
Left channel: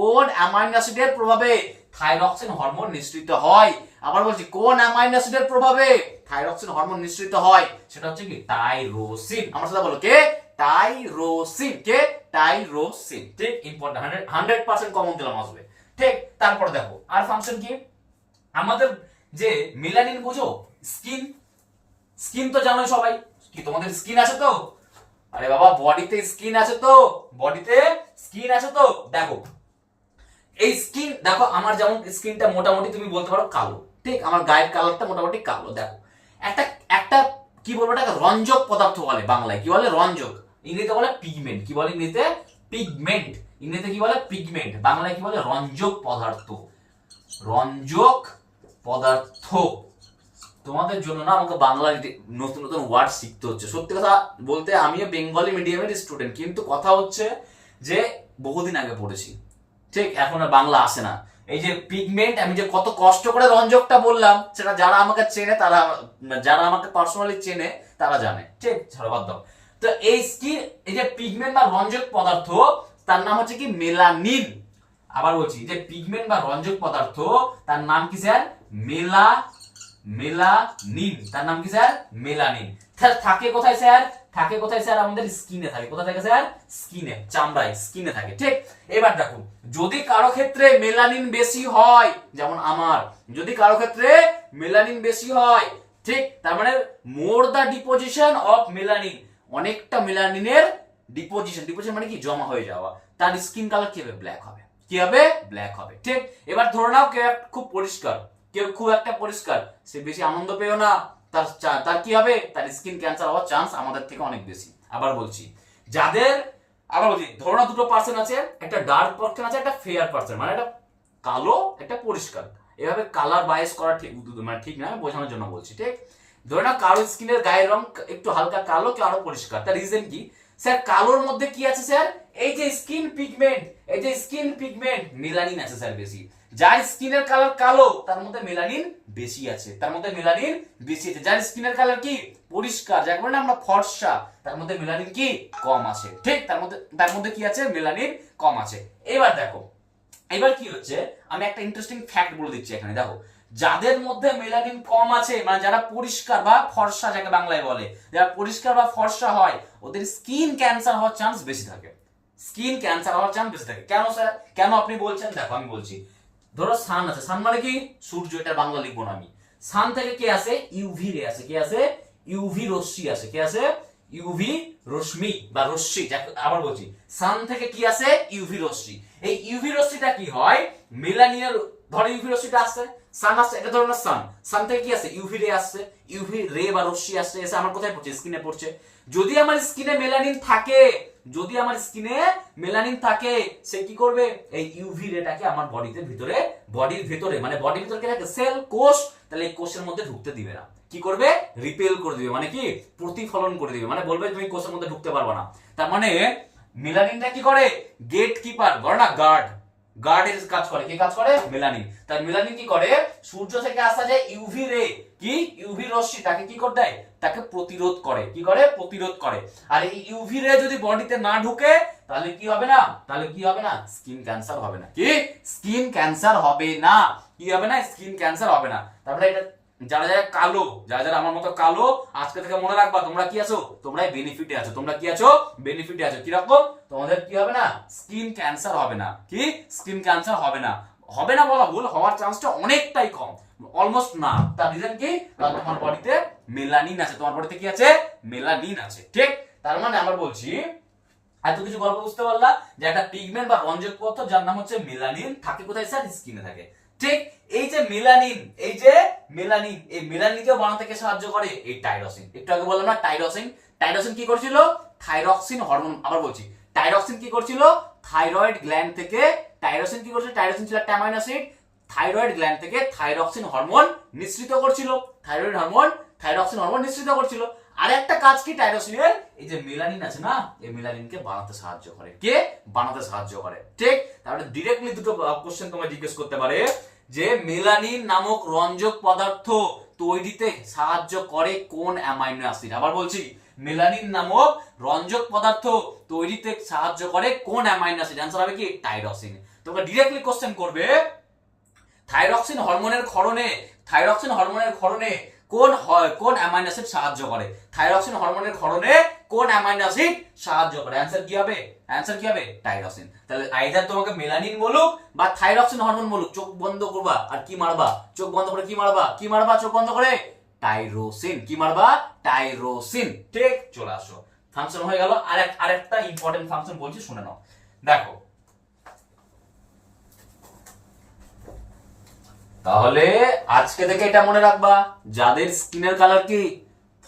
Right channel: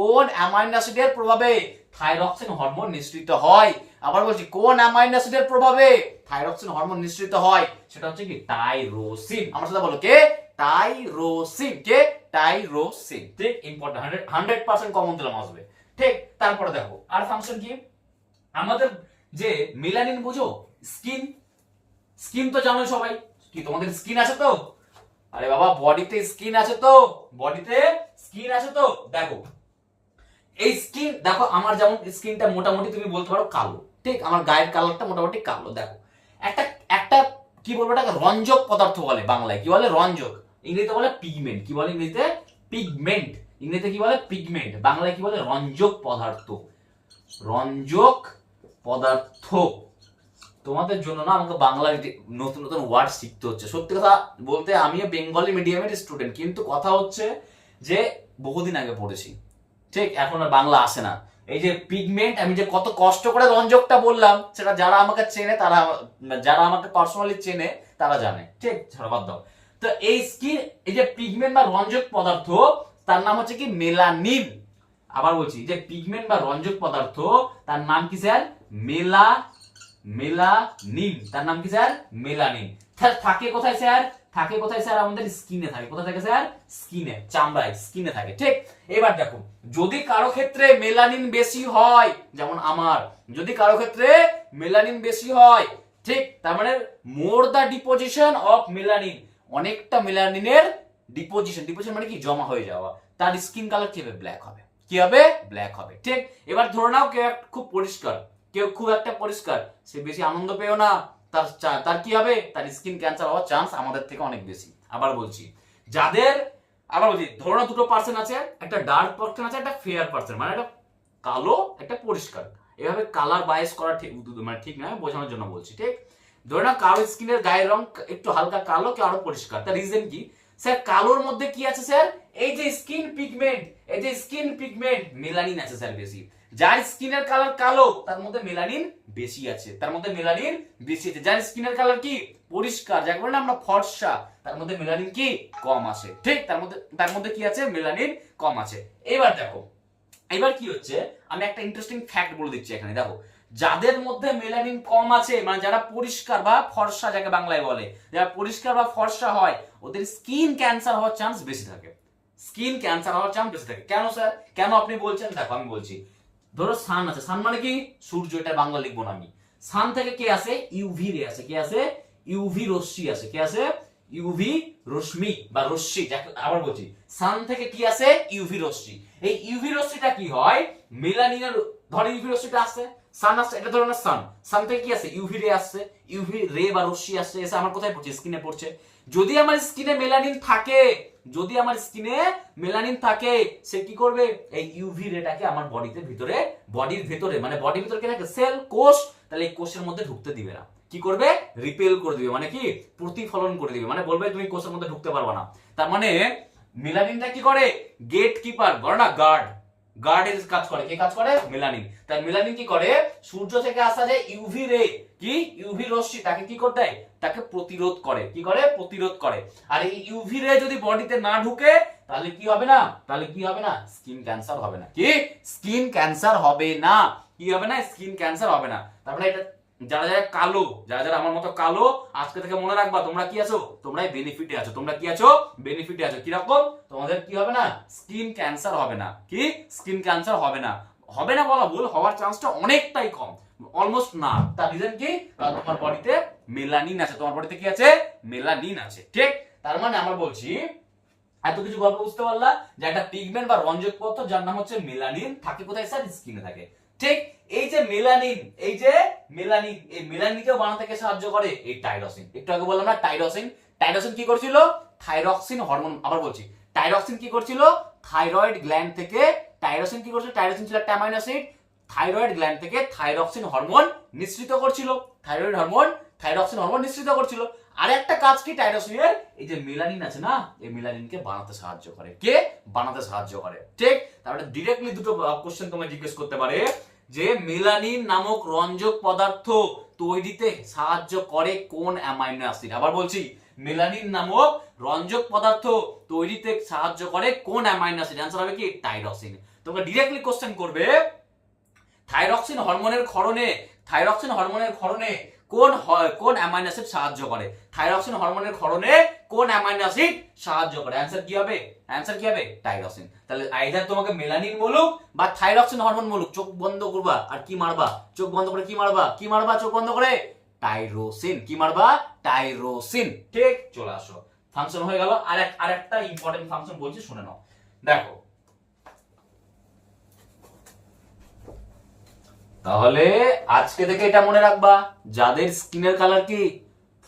কোন অ্যামাইনো অ্যাসিডের প্রভাবে থাইরক্সিন হরমোন নিঃসৃত হয়। আবার বলছি, কোন অ্যামাইনো অ্যাসিডের প্রভাবে থাইরক্সিন হরমোন নিঃসৃত হয়, সেটা হচ্ছে কি, টাইরোসিন। আমার সাথে বলো, কে, টাইরোসিন। কে, টাইরোসিন। ঠিক, ইম্পর্টেন্ট, 100% কমন দিলাম আসবে। ঠিক। তারপরে দেখো আর ফাংশন কি, আমাদের যে মেলানিন, বুঝো, স্কিন, স্কিন তো জানো সবাই, কি তোমাদের স্কিন আছে তো, আরে বাবা বডিতে স্কিন আছে তো, বডিতে স্কিন আছে তো। দেখো এই স্কিন, দেখো আমার যেমন স্কিনটা মোটামুটি তুমি বলতে পারো কালো, ঠিক, আমার গায়ের কালারটা মোটামুটি কালো। দেখো একটা একটা কি বলবো, এটা রঞ্জক পদার্থ বলে, বাংলায় কি বলে, রঞ্জক, ইংরেজিতে বলে পিগমেন্ট। কি বলে ইংরেজিতে, পিগমেন্ট। ইংরেজিতে কি বলে, পিগমেন্ট। বাংলায় কি বলে, রঞ্জক পদার্থ, রঞ্জক পদার্থ। তোমাদের জন্য না আমাকে বাংলার নতুন নতুন ওয়ার্ড শিখতে হচ্ছে। সত্যি কথা বলতে আমিও বেঙ্গলি মিডিয়ামের স্টুডেন্ট, কিন্তু কথা হচ্ছে যে বহুদিন আগে পড়েছি, ঠিক, এখন আর বাংলা আসে না। এই যে পিগমেন্ট, আমি যে কত কষ্ট করে রঞ্জকটা বললাম, সেটা যারা আমাকে চেনে, তারা, যারা আমাকে পার্সোনালি চেনে তারা জানে। ঠিক, ছাড়ো বাদ দাও। তো এই স্কিন, এই যে পিগমেন্ট বা রঞ্জক পদার্থ, তার নাম হচ্ছে কি, মেলানিন। আবার বলছি, যে পিগমেন্ট বা রঞ্জক পদার্থ, তার নাম কি স্যার, মেলানিন। তার নাম কি স্যার, মেলানিন। থাকে কোথায় স্যার, থাকে কোথায় স্যার, আমাদের স্কিনে থাকে। কোথায় থাকে স্যার, স্কিনে, চামড়ায়, স্কিনে থাকে। ঠিক। এবার দেখো, যদি কারো ক্ষেত্রে মেলানিন বেশি হয়, যেমন আমার, যদি কারো ক্ষেত্রে মেলানিন বেশি হয়, ঠিক, তার মানে মোর দা ডিপোজিশন অফ মেলানিন, অনেকটা মেলানিনের ডিপোজিশন, ডিপোজিশন মানে কি, জমা হয়ে যাওয়া, তার স্কিন কালার কি হবে, ব্ল্যাক হবে। কি হবে, ব্ল্যাক হবে। ঠিক। এবার ধরে নাও কেউ খুব পরিষ্কার, কেউ খুব একটা পরিষ্কার, সে বেশি আনন্দ পেও না, তার কি হবে, তার স্কিন ক্যান্সার হওয়ার চান্স আমাদের থেকে অনেক বেশি। আবার বলছি, যাদের, আবার বলছি, ধরো না দুটো পার্সন আছে, একটা ডার্ক পার্সন আছে, একটা ফেয়ার পার্সন, মানে একটা কালো, একটা পরিষ্কার। এভাবে কালার বায়াস করা ঠিক মানে ঠিক না, বোঝানোর জন্য বলছি। ঠিক, ধরে নাও কারো স্কিনের গায়ের রং একটু হালকা কালো, কেউ আরো পরিষ্কার। তার রিজন কি স্যার? কালোর মধ্যে কি আছে স্যার? এই যে স্কিন পিগমেন্ট, এই যে স্কিন পিগমেন্ট, মেলানিন আছে স্যার বেশি। যার স্কিনের কালার কালো তার মধ্যে মেলানিন বেশি আছে, তার মধ্যে মেলানিন বেশি আছে। যার স্কিনের কালার কি পরিষ্কার, যাকে বলে আমরা ফর্সা, তার মধ্যে মেলানিন কি কম আছে। ঠিক, তার মধ্যে কি আছে? মেলানিন কম আছে। এবার দেখো, এবার কি হচ্ছে, আমি একটা ইন্টারেস্টিং ফ্যাক্ট বলে দিচ্ছি এখানে। দেখো, যাদের মধ্যে মেলানিন কম আছে, মানে যারা পরিষ্কার বা ফর্সা, যাকে বাংলায় বলে, যারা পরিষ্কার বা ফর্সা হয়, ওদের স্কিন ক্যান্সার হওয়ার চান্স বেশি থাকে। স্কিন ক্যান্সার হওয়ার চান্স বেশি থাকে। কেন স্যার? কেন আপনি বলছেন? দেখো আমি বলছি। ধরো সান আছে, সান মানে কি? সূর্য, এটা বাংলা লিখবো না আমি। সান থেকে কি আসে? ইউভি রে আসে। কি আসে? ইউভি রশ্মি আসে। কি আসে? ইউভি রশ্মি বা রশ্মি। আবার বলছি, সান থেকে কি আসে? ইউভি রশ্মি। এই ইউভি রশ্মিটা কি হয়? মেলানিনের, ধরো ইউভি রশ্মিটা আসছে, সান আসছে, এটা ধরো না সান, সান থেকে কি আসছে? ইউভি রে আসছে, ইউভি রে বা রশ্মি আসছে, এসে আমার কোথায় পড়ছে? স্কিনে পড়ছে। যদি আমার স্কিনে মেলানিন থাকে, যদি আমার স্কিনে মেলানিন থাকে, সে কি করবে? এই ইউভি রেটাকে আমার বডিতে ভিতরে, বডির ভিতরে, মানে বডির ভিতরে কি থাকে? সেল, কোষ, তাহলে এই কোষের মধ্যে ঢুকতে দিবে না। কি করবে? রিপেল করে দিবে, মানে কি? প্রতিফলন করে দিবে, মানে বলবে তুমি কোষের মধ্যে ঢুকতে পারবে না। তার মানে মেলানিনটা কি করে? গেট কিপার, বলো না গার্ড, গার্ডের কাজ করে। কি কাজ করে? মেলানিন। তার মেলানিন কি করে? সূর্য থেকে আসা যায় ইউভি রে, কি ইউভি রশ্মি, তাকে কি করতে দেয়? তাকে প্রতিরোধ করে। কি করে? প্রতিরোধ করে। আর এই ইউভি রে যদি বডিতে না ঢুকে, তাহলে কি হবে না? তাহলে কি হবে না? স্কিন ক্যান্সার হবে না। কি? স্কিন ক্যান্সার হবে না। কি হবে না? স্কিন ক্যান্সার হবে না। তারপরে এটা যারা যারা কালো, যারা যারা আমার মতো কালো, আজকে থেকে মনে রাখবা, তোমরা কি আছো? তোমরা বেনিফিটে আছো। তোমরা কি আছো? বেনিফিটে আছো। কিরকম? তোমাদের কি হবে না? স্কিন ক্যান্সার হবে না। কি? স্কিন ক্যান্সার হবে না। হবে না বলা ভুল, হওয়ার চান্সটা অনেকটাই কম, অলমোস্ট না। তার রিজন কি? কারণ তোমার বডিতে মেলানিন আছে। তোমার বডিতে কি আছে? মেলানিন আছে। ঠিক, তার মানে আমরা বলছি, এত কিছু গল্প বুঝতে পারলা যে একটা পিগমেন্ট বা রঞ্জক পদার্থ যার নাম হচ্ছে মেলানিন থাকে কোথায় স্যার? স্কিনে থাকে। ঠিক, এই যে মেলানিন, এই যে মেলানিন, এই মেলানিনকেও বানাতে কে সাহায্য করে? এই টাইরোসিন। একটু আগে বললাম না টাইরোসিন। টাইরোসিন কি করছিল? Thyroxine hormone. আবার বলছি, টাইরক্সিন কি করছিল? থাইরয়েড গ্ল্যান্ড থেকে, টাইরোসিন কি করছিল? টাইরোসিন ছিল একটা অ্যামাইনো অ্যাসিড, থাইরয়েড গ্ল্যান্ড থেকে থাইরক্সিন হরমোন নিঃসৃত করছিল। থাইরয়েড হরমোন, থাইরক্সিন হরমোন নিঃসৃত করছিল। আর একটা কাজ কি টাইরোসিনের? এই যে মেলানিন আছে না, এই মেলানিনকে বানাতে সাহায্য করে। কে বানাতে সাহায্য করে? ঠিক, তাহলে ডিরেক্টলি দুটো কোশ্চেন তোমায় জিজ্ঞেস করতে পারে যে মেলানিন নামক রঞ্জক পদার্থ তৈরিতে সাহায্য করে কোন অ্যামাইনো অ্যাসিড? আবার বলছি, মেলানিন নামক রঞ্জক পদার্থ তৈরিতে সাহায্য করে কোন অ্যামাইনো অ্যাসিড? অ্যান্সার হবে কি? টাইরোসিন। তোমরা ডিরেক্টলি কোশ্চেন করবে থাইরক্সিন হরমোনের ক্ষরণে, থাইরক্সিন হরমোনের ক্ষরণে কোন অ্যামাইনো অ্যাসিড সাহায্য করে? থাইরক্সিন হরমোনের ক্ষরণে কোন অ্যামাইনো অ্যাসিড সাহায্য করে? অ্যানসার কি হবে? অ্যানসার কি হবে? টাইরোসিন। তাহলে আইদার তোমাকে মেলানিন বলুক বা থাইরক্সিন হরমোন বলুক, চোখ বন্ধ করবা আর কি মারবা? চোখ বন্ধ করে কি মারবা? কি মারবা চোখ বন্ধ করে? টাইরোসিন। কি মারবা? টাইরোসিন। ঠিক, চলে আসো, ফাংশন হয়ে গেল। আরেকটা ইম্পর্টেন্ট ফাংশন বলছি, শুনে নাও। দেখো, তাহলে আজকে থেকে এটা মনে রাখবা, যাদের স্কিনের কালার কি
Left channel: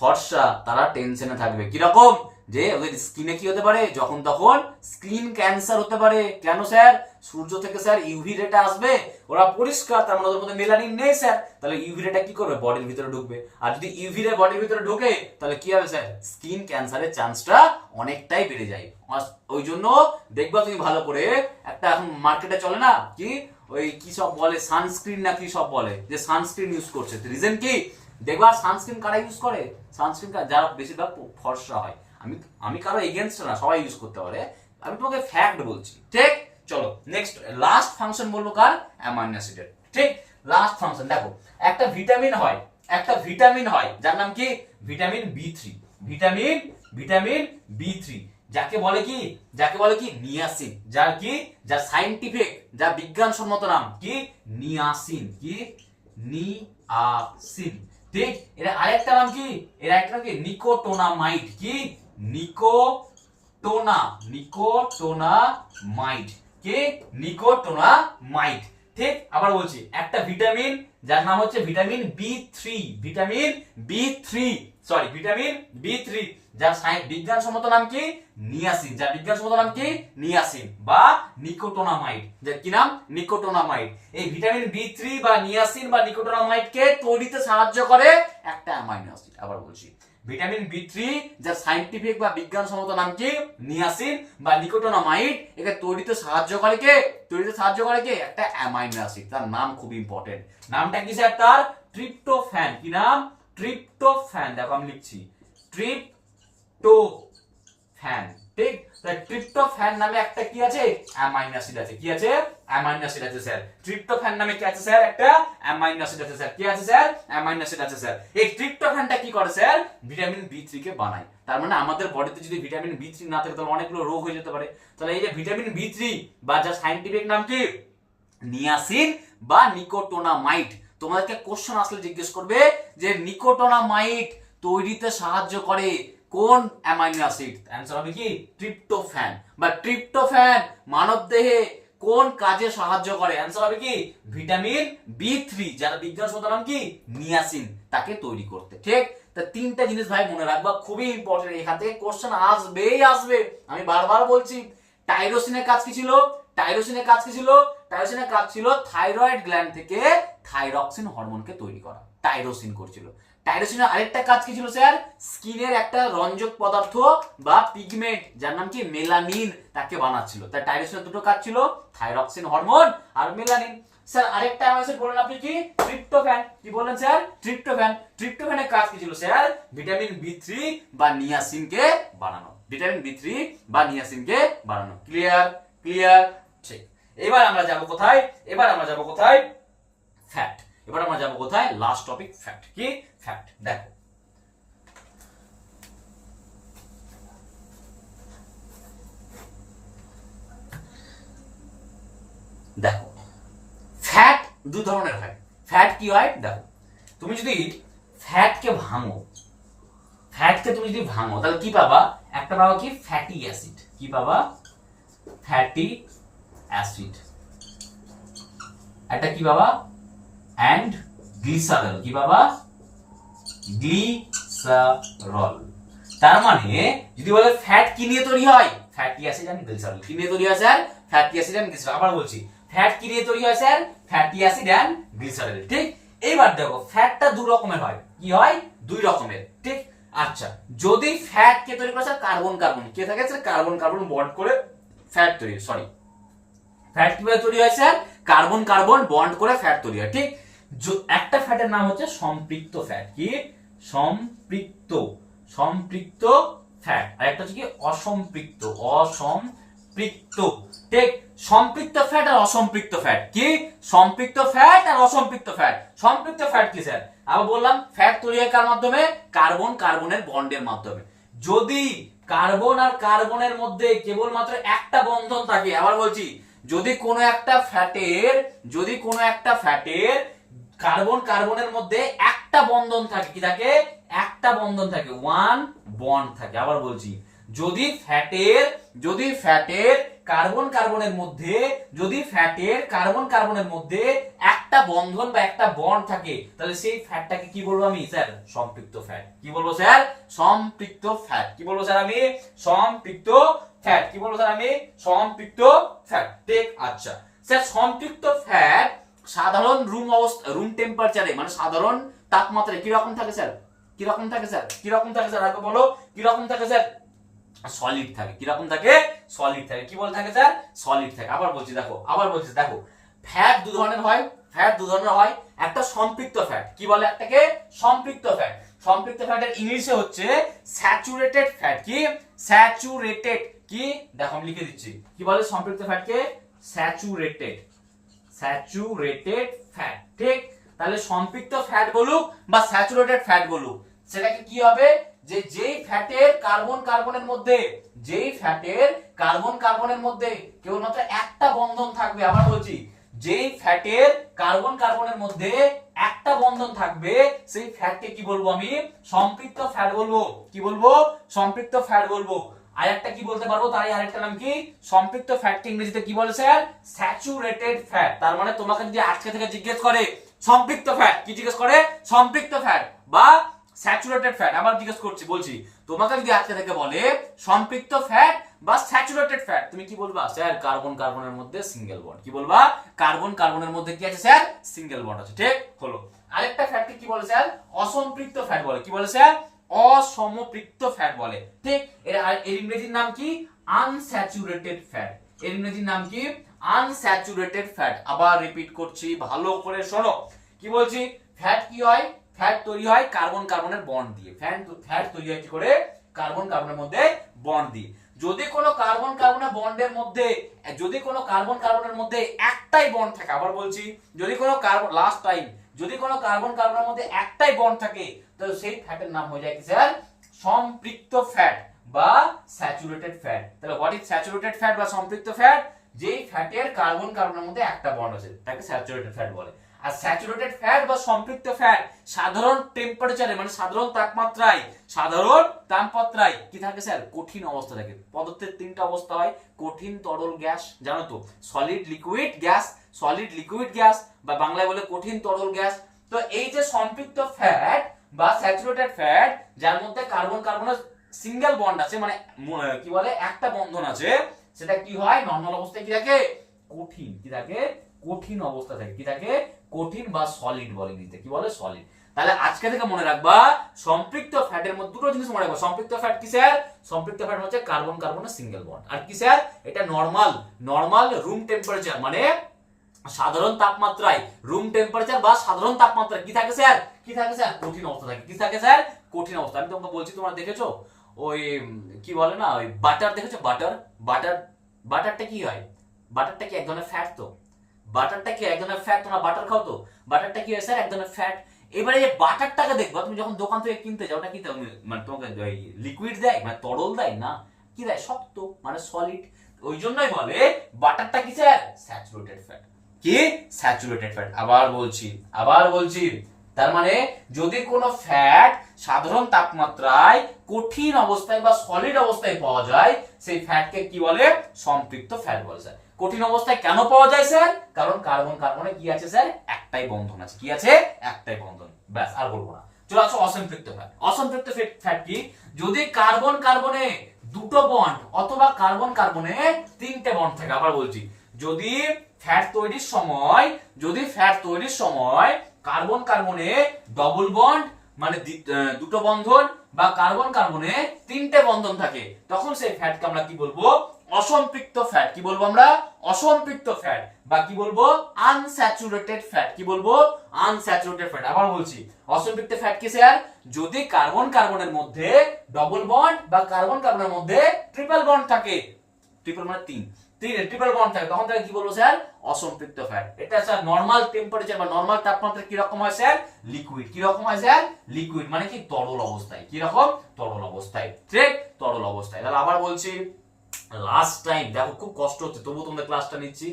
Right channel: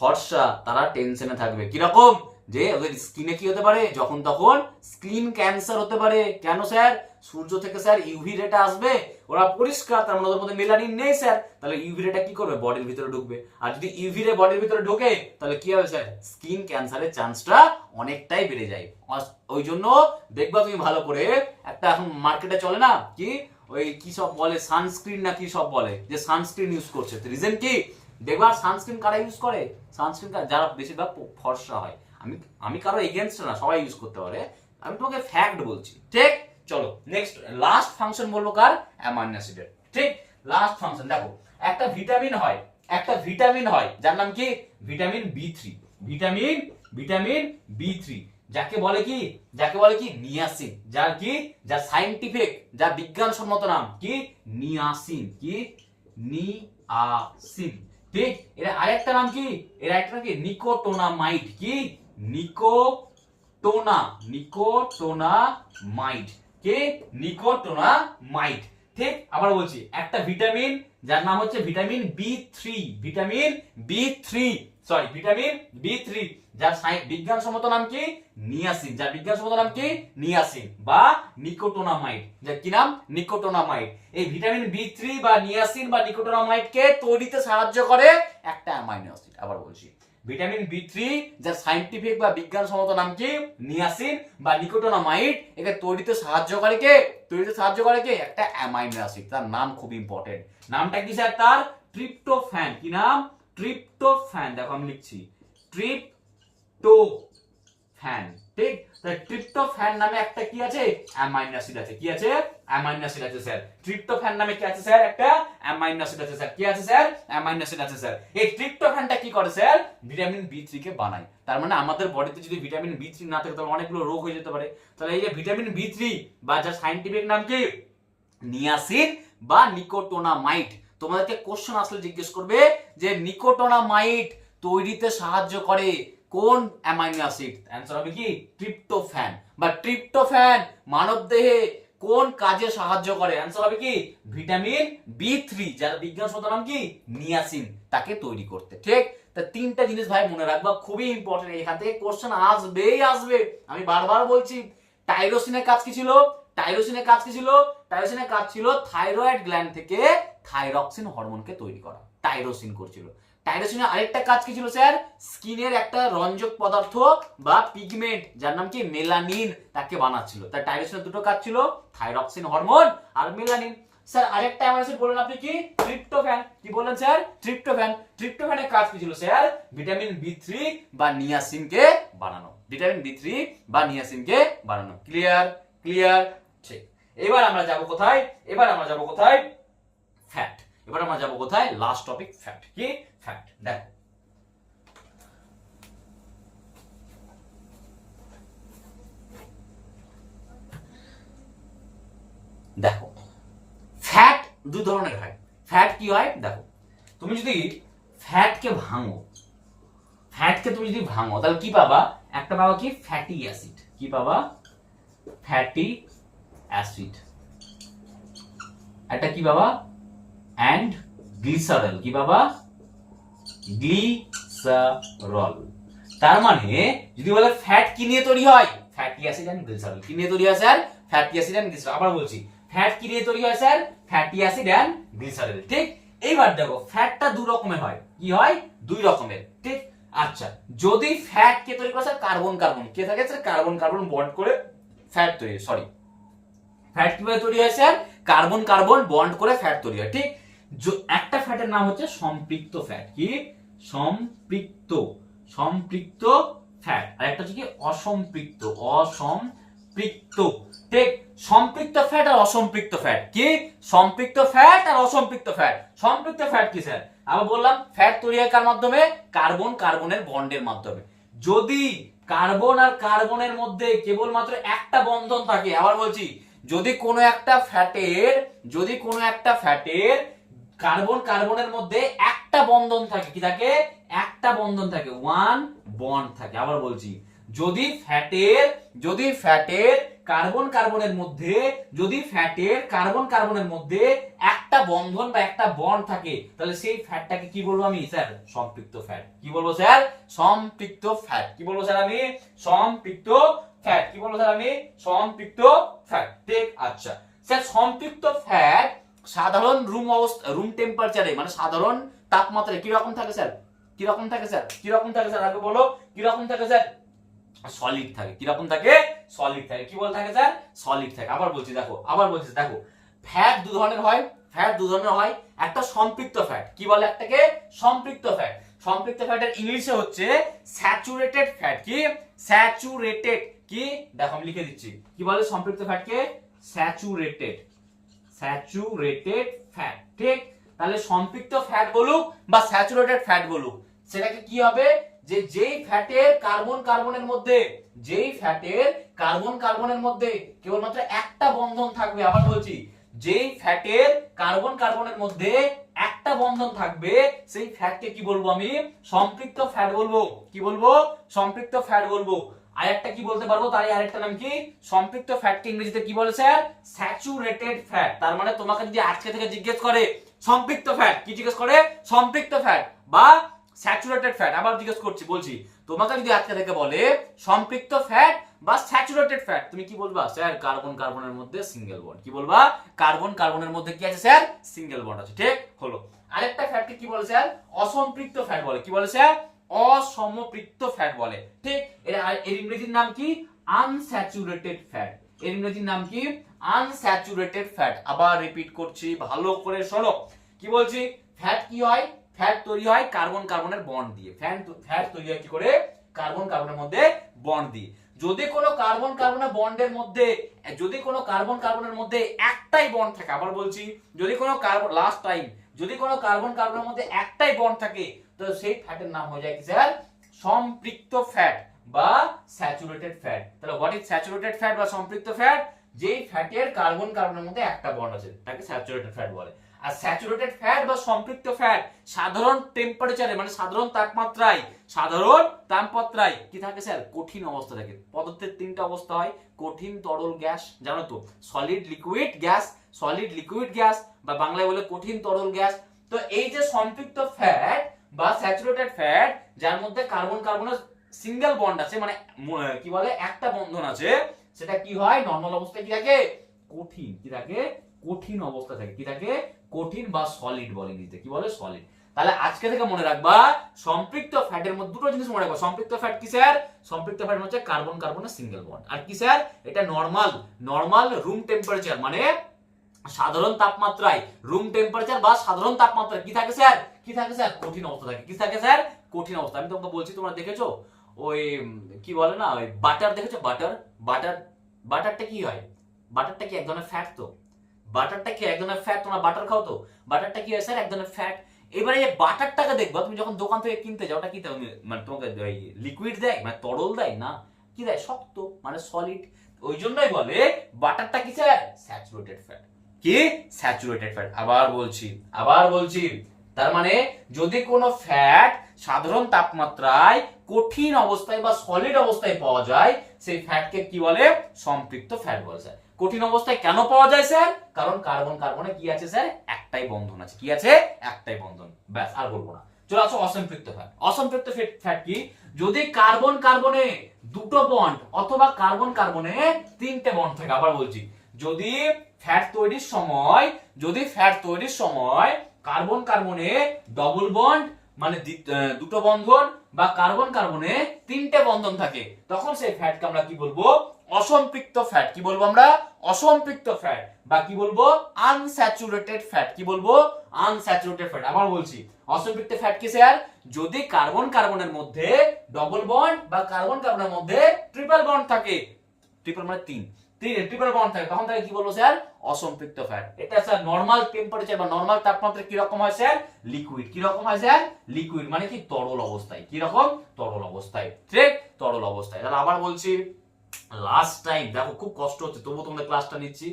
ফর্সা, তারা টেনশনে থাকবে। কিরকম? যে ওদের স্কিনে কি হতে পারে? যখন তখন স্কিন ক্যান্সার হতে পারে। কেন স্যার? সূর্য থেকে স্যার ইউভি রেটা আসবে, ওরা পরিষ্কার, তার মানে ওদের মধ্যে মেলানিন নেই স্যার, তাহলে ইউভি রেটা কি করবে? বডির ভিতরে ঢুকবে। আর যদি ইউভি রে বডির ভিতরে ঢোকে, তাহলে কি হবে স্যার? স্কিন ক্যান্সারের চান্সটা অনেকটাই বেড়ে যায়। ওই জন্য দেখবা তুমি ভালো করে, একটা এখন মার্কেটে চলে না কি, ওই কি সব বলে, সানস্ক্রিন না কি সব বলে, যে সানস্ক্রিন ইউজ করছে। রিজন কি? দেখবা সানস্ক্রিন কারা ইউজ করে? সানস্ক্রিন যারা বেশিরভাগ ফর্সা হয়। আমি কারো এগেইনস্ট না, সবাই ইউজ করতে পারে, আমি তোমাকে ফ্যাক্ট বলছি। ঠিক, চলো নেক্সট লাস্ট ফাংশন বলবো কার? অ্যামাইনো অ্যাসিডের। ঠিক, লাস্ট ফাংশন দেখো, একটা ভিটামিন হয়, একটা ভিটামিন হয় যার নাম কি? ভিটামিন বি3। ভিটামিন বি3, যাকে বলে কি? যাকে বলে কি? নিয়াসিন। যার কি? যার সাইন্টিফিক, যার বিজ্ঞানসম্মত নাম কি? নিয়াসিন। কি? নিয়াসিন। ঠিক, এর আরেকটা নাম কি? এর আরেকটা নাম কি? নিকোটোনামাইড। কি? নিকোটোনামাইড। কি? নিকোটোনামাইড। ঠিক, আবার বলছি, একটা ভিটামিন যার নাম হচ্ছে ভিটামিন বি3, ভিটামিন বি3, যার বিজ্ঞানসম্মত নাম কি নিয়াসিন, যার বিজ্ঞানসম্মত নাম কি নিয়াসিন বা নিকোটোনামাইড, যার কি নাম নিকোটোনামাইড। এই ভিটামিন বি3 বা নিয়াসিন বা নিকোটোনামাইড কে তৈরিতে সাহায্য করে একটা অ্যামাইনো অ্যাসিড। আবার বলছি, ভিটামিন বি3 যার সায়েন্টিফিক বা বিজ্ঞানসম্মত নাম কি নিয়াসিন বা নিকোটোনামাইড, একে তৈরিতে সাহায্য করে কে, তৈরিতে সাহায্য করে কে একটা অ্যামাইনো অ্যাসিড। তার নাম খুব ইম্পর্টেন্ট, নামটা কি স্যার তার ট্রিপ্টোফ্যান। কি নাম ট্রিপ্টোফ্যান, দেখো আমি লিখছি ট্রিপ্টোফ্যান, ঠিক। ট্রিপ্টোফ্যান নামে একটা কি আছে অ্যামাইনো অ্যাসিড আছে, কি আছে অ্যামাইনো অ্যাসিড আছে স্যার। ট্রিপ্টোফ্যান নামে কি আছে স্যার একটা অ্যামাইনো অ্যাসিড আছে স্যার, কি আছে স্যার অ্যামাইনো অ্যাসিড আছে স্যার। এই ট্রিপ্টোফ্যানটা কি করে স্যার ভিটামিন বি3 কে বানায়। তার মানে আমাদের বডিতে যদি ভিটামিন বি3 না থাকে তাহলে অনেকগুলো রোগ হয়ে যেতে পারে। তাহলে এই যে ভিটামিন বি3 বা যার সায়েন্টিফিক নাম কি নিয়াসিন বা নিকোটোনামাইড, তোমাদেরকে কোশ্চেন আসলে জিজ্ঞেস করবে যে নিকোটোনামাইড তৈরিতে সাহায্য করে কোন অ্যামাইনো অ্যাসিড, অ্যানসার হবে কি ট্রিপ্টোফ্যান। বা ট্রিপ্টোফ্যান মানবদেহে কোন কাজে সাহায্য করে, অ্যানসার হবে কি ভিটামিন বি3 যার বিজ্ঞানসম্মত নাম কি নিয়াসিন, তাকে তৈরি করতে, ঠিক। তা তিনটা জিনিস ভাই মনে রাখবা, খুবই ইম্পর্টেন্ট, এখান থেকে কোশ্চেন আসবেই আসবে। আমি বারবার বলছি, টাইরোসিনের কাজ কি ছিল, টাইরোসিনের কাজ কি ছিল, টাইরোসিনের কাজ ছিল থাইরয়েড গ্ল্যান্ড থেকে থাইরক্সিন হরমোনকে তৈরি করা, টাইরোসিন করছিল। টাইরোসিনের আরেকটা কাজ কি ছিল স্যার, স্কিনের একটা রঞ্জক পদার্থ বা পিগমেন্ট যার নাম কি মেলানিন, তাকে বানাচ্ছিল। তাই টাইরোসিনের দুটো কাজ ছিল, থাইরক্সিন হরমোন আর মেলানিন। স্যার আরেকটা অ্যামাইনো অ্যাসিড বলেন আপনি কি ট্রিপ্টোফ্যান, কি বলেন স্যার ট্রিপ্টোফ্যান। ট্রিপ্টোফ্যানের কাজ কি ছিল স্যার ভিটামিন বি3 বা নিয়াসিনকে বানানো, ভিটামিন বি3 বা নিয়াসিনকে বানানো। ক্লিয়ার, ক্লিয়ার, ঠিক। এবার আমরা যাব কোথায়, এবার আমরা যাব কোথায় ফ্যাট। এবার আমরা যাব কোথায় লাস্ট টপিক ফ্যাট। কি ফ্যাট, দেখো দেখো ফ্যাট দুই ধরনের হয়। ফ্যাট কি হয় দেখো, তুমি যদি ফ্যাটকে ভাঙো, ফ্যাটকে তুমি যদি ভাঙো তাহলে কি পাবা, একটা পাবা কি ফ্যাটি অ্যাসিড, কি পাবা ফ্যাটি অ্যাসিড, একটা কি পাবা অ্যান্ড গ্লিসারল, কি পাবা গ্লিসারল। তার মানে যদি বলে ফ্যাট কি নিয়ে তৈরি হয়, ফ্যাটি অ্যাসিড এন্ড গ্লিসারল। কি নিয়ে তৈরি হয় sir fatty acid and glycerol. আবার বলছি, ফ্যাট কি নিয়ে তৈরি হয় sir fatty acid and glycerol, ঠিক। এইবার দেখো ফ্যাটটা দুই রকমের হয়, কি হয় দুই রকমের, ঠিক। আচ্ছা, যদি ফ্যাট কে তৈরি করে স্যার কার্বন কার্বন, কে থাকে স্যার কার্বন কার্বন বন্ড করে ফ্যাট তৈরি, সরি ফ্যাট কিভাবে তৈরি হয় স্যার কার্বন কার্বন বন্ড করে ফ্যাট তৈরি হয়, ঠিক। একটা ফ্যাটের নাম হচ্ছে সম্পৃক্ত ফ্যাট, কি সম্পৃক্ত, সম্পৃক্ত ফ্যাট। আর একটা হচ্ছে কি অসম্পৃক্ত, অসম্পৃক্ত, ঠিক। সম্পৃক্ত ফ্যাট আর অসম্পৃক্ত ফ্যাট, কি সম্পৃক্ত ফ্যাট আর অসম্পৃক্ত ফ্যাট। সম্পৃক্ত ফ্যাট কি স্যার, আমি বললাম ফ্যাট তৈরি হয় কার মাধ্যমে, কার্বন কার্বনের বন্ডের মাধ্যমে। যদি কার্বন আর কার্বনের মধ্যে কেবলমাত্র একটা বন্ধন থাকে, আবার বলছি যদি কোনো একটা ফ্যাটের, যদি কোনো একটা ফ্যাটের কার্বন কার্বনের মধ্যে একটা বন্ধন থাকে, কি থাকে একটা বন্ধন থাকে, ওয়ান বন্ড থাকে। আবার বলছি যদি ফ্যাটের, যদি ফ্যাটের কার্বন কার্বনের মধ্যে, যদি ফ্যাটের কার্বন কার্বনের মধ্যে একটা বন্ধন বা একটা বন্ড থাকে, তাহলে সেই ফ্যাটটাকে কি বলবো আমি স্যার সম্পৃক্ত ফ্যাট। কি বলবো স্যার সম্পৃক্ত ফ্যাট। কি বলবো স্যার আমি সম্পৃক্ত ফ্যাট। কি বলবো স্যার আমি সম্পৃক্ত ফ্যাট, ঠিক। আচ্ছা স্যার সম্পৃক্ত ফ্যাট সাধারণ রুম অবস্থা, রুম টেম্পারেচারে মানে সাধারণ তাপমাত্রায় কি রকম থাকে স্যার, কি রকম থাকে স্যার, কি রকম থাকে স্যার আগে বলো, কি রকম থাকে স্যার সলিড থাকে। কি রকম থাকে সলিড থাকে। কি বলে থাকে স্যার সলিড থাকে। আবার বলছি দেখো, আবার বলছি দেখো ফ্যাট দু ধরনের হয়, ফ্যাট দু ধরনের হয়। একটা সম্পৃক্ত ফ্যাট, কি বলে একটাকে সম্পৃক্ত ফ্যাট। সম্পৃক্ত ফ্যাটের ইংলিশে হচ্ছে স্যাচুরেটেড ফ্যাট, কি স্যাচুরেটেড, কি দেখো আমি লিখে দিচ্ছি, কি বলে সম্পৃক্ত ফ্যাটকে স্যাচুরেটেড, স্যাচুরেটেড ফ্যাট, ঠিক। তাহলে সম্পৃক্ত ফ্যাট বলুক বা স্যাচুরেটেড ফ্যাট বলুক, সেটাকে কি হবে যে যেই ফ্যাটের কার্বন কার্বনের মধ্যে, যেই ফ্যাটের কার্বন কার্বনের মধ্যে কেবলমাত্র একটা বন্ধন থাকবে। আবার বলছি যেই ফ্যাটের কার্বন কার্বনের মধ্যে একটা বন্ধন থাকবে, সেই ফ্যাটকে কি বলবো আমি সম্পৃক্ত ফ্যাট বলবো। কি বলবো সম্পৃক্ত ফ্যাট বলবো। আরেকটা কি বলতে পারবো, তার আরেকটা নাম কি সম্পৃক্ত ফ্যাটকে ইংরেজিতে কি বলে স্যার স্যাচুরেটেড ফ্যাট। তার মানে তোমাকে যদি আজকে থেকে জিজ্ঞেস করে সম্পৃক্ত ফ্যাট, কি জিজ্ঞেস করে সম্পৃক্ত ফ্যাট বা স্যাচুরেটেড ফ্যাট, আবার জিজ্ঞেস করছি বলছি তোমাকে যদি আজকে থেকে বলে সম্পৃক্ত ফ্যাট বা স্যাচুরেটেড ফ্যাট, তুমি কি বলবা? স্যার কার্বন কার্বনের মধ্যে সিঙ্গেল বন্ড। কি বলবা? কার্বন কার্বনের মধ্যে কি আছে স্যার? সিঙ্গেল বন্ড আছে। ঠিক হলো। আরেকটা ফ্যাটকে কি বলে স্যার? অসম্পৃক্ত ফ্যাট বলে। কি বলে স্যার? অসমপৃক্ত ফ্যাট বলে। ঠিক, এর ইংরেজির নাম কি? Unsaturated fat. এর ইংরেজির নাম কি? Unsaturated fat. আবার রিপিট করছি, ভালো করে শোনো। কি বলছি? ফ্যাট কি হয়? ফ্যাট তৈরি হয় কার্বন কার্বনের বন্ড দিয়ে। ফ্যাট তৈরি হয় কি করে? কার্বন কার্বনের মধ্যে বন্ড দিয়ে। যদি কোনো কার্বন কার্বনের বন্ডের মধ্যে একটাই বন্ড থাকে, আবার বলছি, যদি কোনো কার্বন লাস্ট টাইম যদি কোনো কার্বন কার্বনের মধ্যে একটাই বন্ড থাকে, তো সেই ফ্যাটের নাম হয়ে যায় কি স্যার? সম্পৃক্ত ফ্যাট বা স্যাচুরেটেড ফ্যাট। তাহলে হোয়াট ইজ স্যাচুরেটেড ফ্যাট বা সম্পৃক্ত ফ্যাট? যেই ফ্যাটের কার্বন কার্বনের মধ্যে একটা বন্ড আছে তাকে স্যাচুরেটেড ফ্যাট বলে। আর স্যাচুরেটেড ফ্যাট বা সম্পৃক্ত ফ্যাট সাধারণ টেম্পারেচারে, মানে সাধারণ তাপমাত্রায় কি থাকে স্যার? কঠিন অবস্থা থাকে। পদার্থের তিনটা অবস্থা হয়, কঠিন, তরল, গ্যাস। জানো তো? সলিড, লিকুইড, গ্যাস, বা বাংলায় বলে কঠিন, তরল, গ্যাস। তো এই যে সম্পৃক্ত ফ্যাট বা স্যাচুরেটেড ফ্যাট, যার মধ্যে কার্বন কার্বনের সিঙ্গেল বন্ড আছে, মানে কি বলে, একটা বন্ধন আছে, সেটা কি হয়? নরমাল অবস্থায় কি থাকে? কঠিন। কি থাকে? কঠিন অবস্থা থাকে। কি থাকে? কঠিন বা সলিড বলে ইংরেজিতে। কি বলে? সলিড। তাহলে আজকে থেকে মনে রাখবা, সম্পৃক্ত ফ্যাটের মধ্যে দুটো জিনিস মনে রাখবা। সম্পৃক্ত ফ্যাট কি স্যার? সম্পৃক্ত ফ্যাট হচ্ছে কার্বন কার্বনের সিঙ্গেল বন্ড। আর কি স্যার? এটা নরমাল রুম টেম্পারেচার, মানে সাধারণ তাপমাত্রায়, রুম টেম্পারেচার বা সাধারণ তাপমাত্রায় কি থাকে স্যার? কি থাকে স্যার? কঠিন অবস্থা থাকে। কি থাকে স্যার? কঠিন অবস্থা। আমি তোমাকে বলছি, তোমরা দেখেছো ওই কি বলে না, ওই বাটার দেখেছো? বাটারটা কি হয়? বাটারটা কি এক ধরনের ফ্যাট? তো বাটারটা কি এক ধরনের ফ্যাট? তোমরা বাটার খাও তো? বাটারটা কি হয় স্যার? এক ধরনের ফ্যাট। এবারে এই বাটারটাকে দেখবা, তুমি যখন দোকান থেকে কিনতে যাও, ওটা কি দেয়? মানে তোমাকে লিকুইড দেয়, মানে তরল দেয় না, কি দেয়? শক্ত, মানে সলিড। ওই জন্যই বলে বাটারটা কি স্যার? Saturated fat. কি? Saturated fat. আবার বলছি, তার মানে যদি কোনো ফ্যাট সাধারণ তাপমাত্রায় কঠিন অবস্থায় বা সলিড অবস্থায় পাওয়া যায়, সেই ফ্যাটকে কি বলে? সম্পৃক্ত ফ্যাট বলে স্যার। কঠিন অবস্থায় কেন পাওয়া যায় স্যার? কারণ কার্বন কার্বনে কি আছে স্যার? একটাই বন্ধন আছে। কি আছে? একটাই বন্ধন। ব্যাস, আর বলবো না। চলো আসো অসম্পৃক্ত ফ্যাট। অসম্পৃক্ত ফ্যাট কি? যদি কার্বন কার্বনে দুটো বন্ড অথবা কার্বন কার্বনে তিনটে বন্ড থাকে। আবার বলছি, যদি ফ্যাট তৈরির সময় কার্বন কার্বনে ডবল বন্ড, মানে দুটো বন্ধন, বা কার্বন কার্বনে তিনটে বন্ধন থাকে, তখন সেই ফ্যাটকে আমরা কি বলবো? অসম্পৃক্ত ফ্যাট। কি বলবো আমরা? অসম্পৃক্ত ফ্যাট, বা কি বলবো? Unsaturated fat. কি বলবো? Unsaturated fat. আবার বলছি, অসম্পৃক্ত ফ্যাট কি স্যার? যদি কার্বন কার্বনের মধ্যে ডবল বন্ড বা কার্বন কার্বনের মধ্যে ট্রিপল বন্ড থাকে, ট্রিপল মানে ট্রিপল বন্ড থাকে, তখন তাকে কি বলবো স্যার? অসম্পৃক্ত ফ্যাট। এটা স্যার নরমাল টেম্পারেচার বা নরমাল তাপমাত্রা কি রকম হয় স্যার? লিকুইড। কি রকম হয় স্যার? লিকুইড, মানে কি? তরল অবস্থায়। কি রকম? তরল অবস্থায়। ঠিক, তরল অবস্থায়। তাহলে আবার বলছি, লাস্ট টাইম দেখো, খুব কষ্ট হচ্ছে, তবুও তোমাদের ক্লাসটা নিচ্ছি।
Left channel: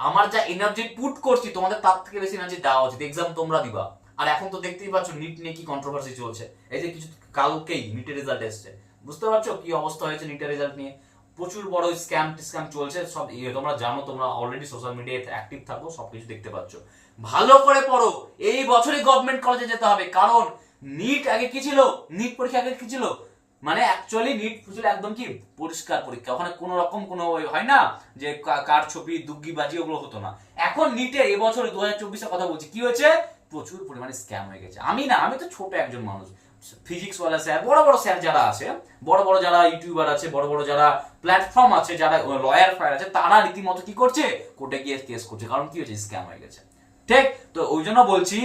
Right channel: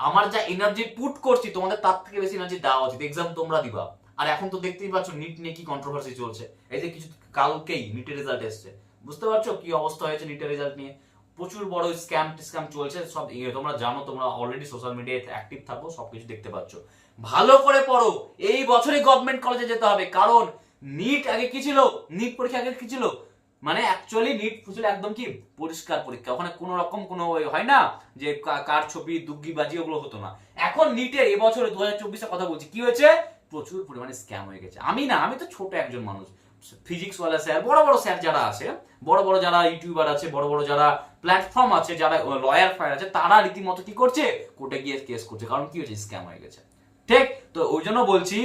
আমার যা এনার্জি পুট করছি, তোমাদের তার থেকে বেশি এনার্জি দেওয়া উচিত। এক্সাম তোমরা দিবা। আর এখন তো দেখতেই পাচ্ছ নিট নিয়ে কি কন্ট্রোভার্সি চলছে। এই যে কিছু কালকেই নিটের রেজাল্ট এসেছে, বুঝতে পারছো কি অবস্থা হয়েছে নিটের রেজাল্ট নিয়ে? প্রচুর বড় স্ক্যাম চলছে সব। তোমরা জানো, তোমরা অলরেডি সোশ্যাল মিডিয়াতে অ্যাক্টিভ থাকো, সবকিছু দেখতে পাচ্ছ। ভালো করে পড়ো, এই বছরই গভর্নমেন্ট কলেজে যেতে হবে। কারণ নিট আগে কি ছিল? নিট পরীক্ষা আগে কি ছিল? মানে অ্যাকচুয়ালি নিট ছিল একদম কি পরিষ্কার পরীক্ষা। ওখানে কোনো রকম কোনো হয় না যে কার ছবি, দুগ্গিবাজি, ওগুলো হতো না। এখন নিটের এবছরে 2024 কথা বলছি, কি হয়েছে? প্রচুর পরিমাণে স্ক্যাম হয়ে গেছে। আমি তো ছোট একজন মানুষ। ফিজিক্স ওয়ালা স্যার, বড় বড় স্যার যারা আছে, বড় বড় যারা ইউটিউবার আছে, বড় বড় যারা প্ল্যাটফর্ম আছে, যারা লয়ার ফায়ার আছে, তারা রীতিমতো কি করছে? কোর্টে গিয়ে কেস করছে। কারণ কি হয়েছে? স্ক্যাম হয়ে গেছে। ঠিক, তো ওই জন্য বলছি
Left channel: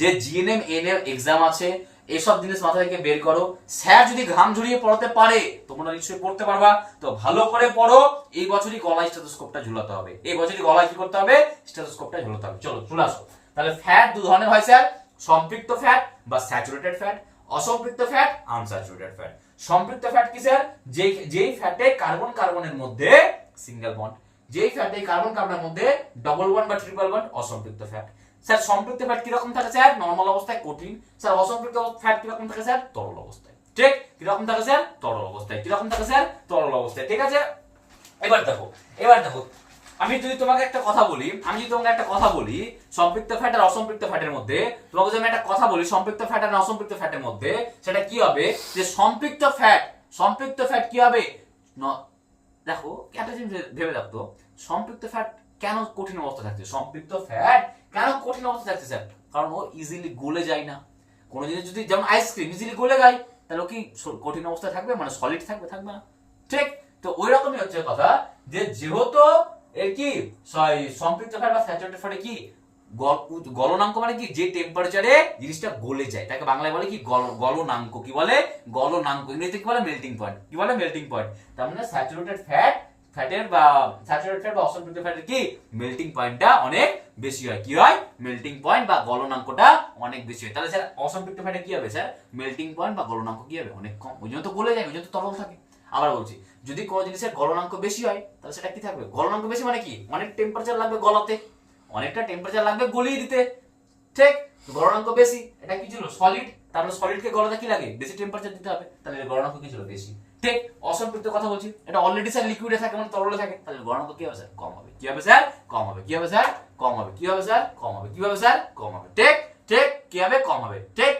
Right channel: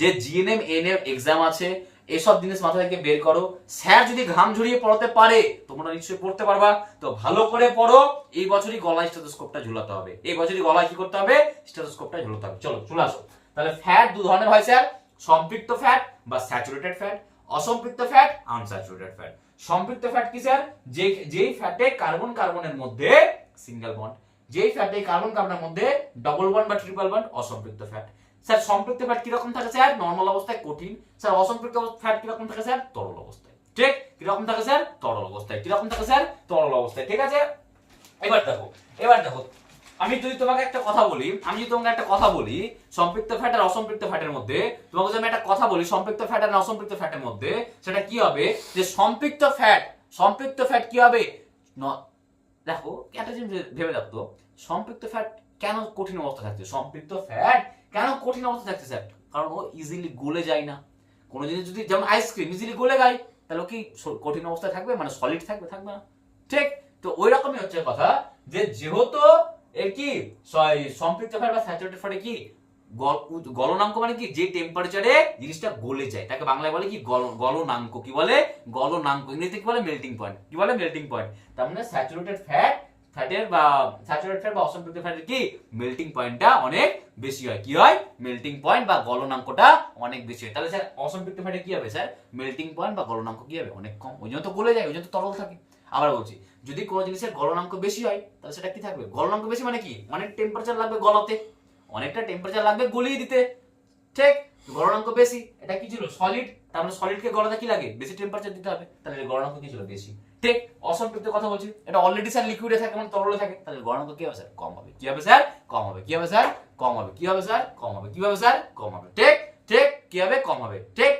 যে জিএনএম এনএম এক্সাম আছে, এসব জিনিস মাথা থেকে বের করো। স্যার যদি ঘাম ঝরিয়ে পড়াতে পারে, তোমরা নিশ্চয়ই পড়তে পারবা। তো ভালো করে পড়ো। এই বছরই গলায় স্টেথোস্কোপটা ঝুলাতে হবে। এই বছরই গলায় কি করতে হবে? স্টেথোস্কোপটা ঝুলাতে হবে। চলো চলে আসো। তাহলে ফ্যাট দু ধরনের হয় স্যার, সম্পৃক্ত ফ্যাট বা স্যাচুরেটেড ফ্যাট, অসম্পৃক্ত ফ্যাট, আনস্যাচুরেটেড ফ্যাট। সম্পৃক্ত ফ্যাট কি স্যার? যেই ফ্যাটে কার্বন কার্বনের মধ্যে সিঙ্গেল বন্ড, যেই ফ্যাটে কার্বন কার্বনের মধ্যে ডবল বন্ড বা ট্রিপল বন্ড, অসম্পৃক্ত ফ্যাট। স্যার সম্পৃক্ত ফ্যাট কি রকম থাকে স্যার? নরমাল অবস্থায় কঠিন। স্যার অসম্পৃক্ত ফ্যাট কি রকম থাকে স্যার? তরল অবস্থায়। ঠিক, কি রকম থাকে স্যার? তরল অবস্থায়। কি রকম থাকে স্যার? তরল অবস্থায়। ঠিক আছে, এবার দেখো আমি যদি তোমাকে একটা কথা বলি সম্পৃক্ত ফ্যাট আর অসম্পৃক্ত ফ্যাটের মধ্যে, তোমাকে যদি আমি একটা কথা বলি সম্পৃক্ত ফ্যাট আর অসম্পৃক্ত ফ্যাটের মধ্যে, সেটা কি হবে যে সম্পৃক্ত ফ্যাট কি হবে, দেখো একটা জিনিস ভেবে রাখতো, সম্পৃক্ত ফ্যাট কেন কঠিন অবস্থা থাকছে, সম্পৃক্ত ফ্যাট কেন কঠিন অবস্থা থাকছে স্যার, কারণ ও ইজিলি গলে যায় না। কোনো জিনিস যদি যেমন আইসক্রিম ইজিলি গলে যায়, তাহলে কি কঠিন অবস্থায় থাকবে, মানে সলিড থাকবে না, ঠিক? তো ওই রকমই হচ্ছে কথা, যে যেহেতু এর কি সম্পৃক্ত ফ্যাট বা স্যাচুরেটেড ফ্যাটে কি গলনাঙ্ক মানে কি, যে টেম্পারেচারে জিনিসটা গলে যায় তাকে বাংলায় বলে কি গলনাঙ্ক। কি বলে? গলনাঙ্ক। ইংরেজিতে কি বলে? Melting point. কি বলে? Melting point. তার মানে স্যাচুরেটেড ফ্যাটের বা অসম্পৃক্ত ফ্যাটের কি মেল্টিং পয়েন্টটা অনেক বেশি হয়। কি হয়? মেল্টিং পয়েন্ট বা গলনাঙ্কটা অনেক বেশি হয়। তাহলে স্যার অসম্পৃক্ত ফ্যাটে কি হবে স্যার? মেল্টিং পয়েন্ট বা গলনাঙ্ক কি হবে? অনেক কম। ওই জন্য তো গলে যায়, ওই জন্য তো তরল থাকে। আবার বলছি, যদি কোনো জিনিসের গলনাঙ্ক বেশি হয় তাহলে সেটা কি থাকবে? গলনাঙ্ক বেশি মানে কি? অনেক টেম্পারেচার লাগবে গলাতে, অনেকটা টেম্পারেচার লাগবে গলিয়ে দিতে, ঠিক? গলনাঙ্ক বেশি, এটা কি ছিল? সলিড। তারপরে সলিডকে গলাতে কি লাগে? বেশি টেম্পারেচার দিতে হবে, তাহলে গলনাঙ্ক কি ছিল? বেশি, ঠিক? অসম্পৃক্ত কথা বলছি, এটা অলরেডি স্যার লিকুইডে থাকে, মানে তরলে থাকে, তাহলে গলনাঙ্ক কি হবে স্যার? কম হবে। কি হবে স্যার? কম হবে। কি হবে স্যার? কম হবে। কি হবে স্যার? কম হবে। কি হবে স্যার? কম হবে, ঠিক? কি হবে? কম হবে, ঠিক?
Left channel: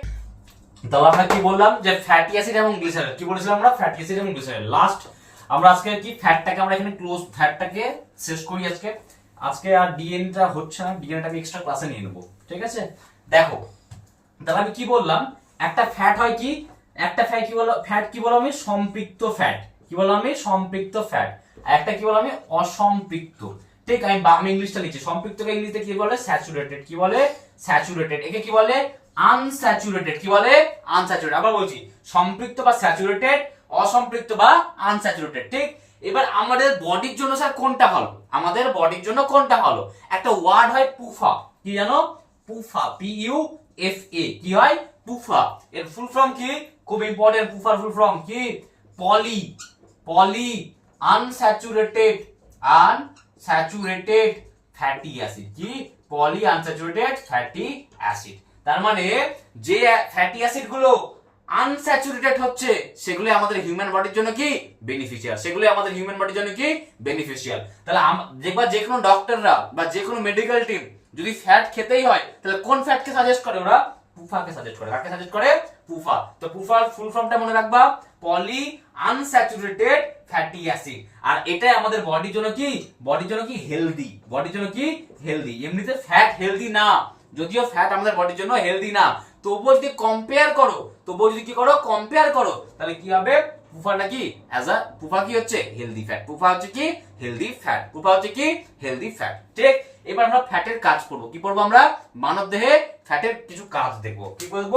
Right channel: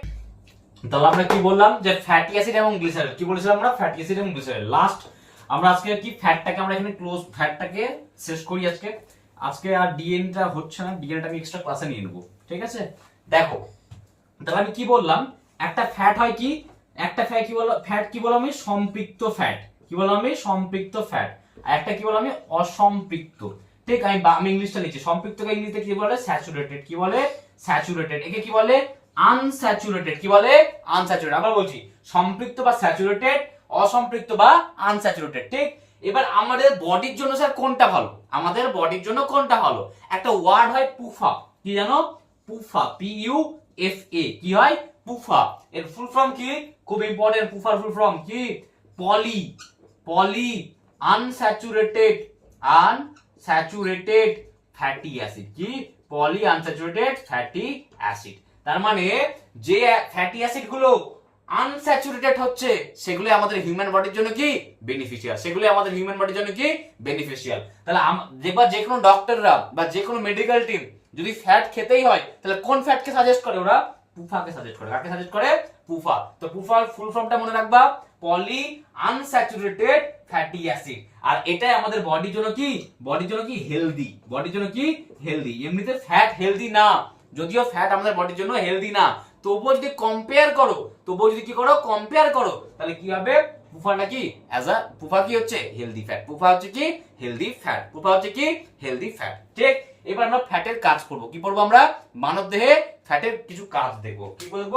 তাহলে আমরা কি বললাম যে ফ্যাটি অ্যাসিড এবং গ্লিসারল, কি বলেছিলাম আমরা? ফ্যাটি অ্যাসিড এবং গ্লিসারল। লাস্ট আমরা আজকে কি ফ্যাটটাকে আমরা এখানে ফ্যাটটাকে শেষ করি আজকে আর ডিএনটা হচ্ছে না, ডিএনটা আমি এক্সট্রা ক্লাসে নিয়ে নেব, ঠিক আছে? দেখো, তাহলে আমি কি বললাম, একটা ফ্যাট হয় কি, একটা ফ্যাট কি বললাম আমি? সম্পৃক্ত ফ্যাট। কি বললাম আমি? সম্পৃক্ত ফ্যাট। আর একটা কি বললাম আমি? অসম্পৃক্ত, ঠিক? আমি ইংলিশটা লিখছি, সম্পৃক্তকে ইংরেজিতে কি বলে? স্যাচুরেটেড। কি বলে? স্যাচুরেটেড। একে কি বলে? আনস্যাচুরেটেড। কি বলে? আনস্যাচুরেটেড। আবার বলছি, সম্পৃক্ত বা স্যাচুরেটেড, অসম্পৃক্ত বা আনস্যাচুরেটেড, ঠিক? এবার আমাদের বডির জন্য স্যার কোনটা ভালো? আমাদের বডির জন্য কোনটা ভালো? একটা ওয়ার্ড হয় পুফা। কি জানো? পুফা, PUFA। কি হয়? পুফা। এর ফুল ফর্ম কি? খুব ইম্পর্টেন্ট। পুফার ফুল ফর্ম কি? Polyunsaturated fatty acid. কি? Polyunsaturated fatty acid. তার মানে যে ফ্যাটি অ্যাসিড গুলো আনস্যাচুরেটেড হচ্ছে সেগুলো আমাদের হিউম্যান বডির জন্য কি বেনিফিশিয়াল, সেগুলো আমাদের হিউম্যান বডির জন্য কি বেনিফিশিয়াল। তাহলে যে কোনো ডক্টররা বা যে কোনো মেডিকেল টিম যদি ফ্যাট খেতেই হয়, তাহলে কোন ফ্যাটকে সাজেস্ট করে? ওরা পুফাকে সাজেস্ট করে। কাকে সাজেস্ট করে? পুফা। তো পুফার ফুল ফর্মটা মনে রাখবা, পলি আনস্যাচুরেটেড ফ্যাটি অ্যাসিড। আর এটাই আমাদের বডির জন্য কি হেলদি। বডির জন্য কি হেলদি। এমনিতে ফ্যাট হেলদি না, যদিও ফ্যাট আমাদের বডির জন্য হেলদি না, তবুও যদি কম্পেয়ার করো, তাহলে কি হবে? পুফাটা কি পুফা কি হচ্ছে? Healthy fat. পুফা হচ্ছে কি? Healthy fat. ঠিক? এবার আমরা ফ্যাটের কাজ করব। কি করব আমরা? মানব দেহে ফ্যাটের কিছু কাজ দেখব। কি করব?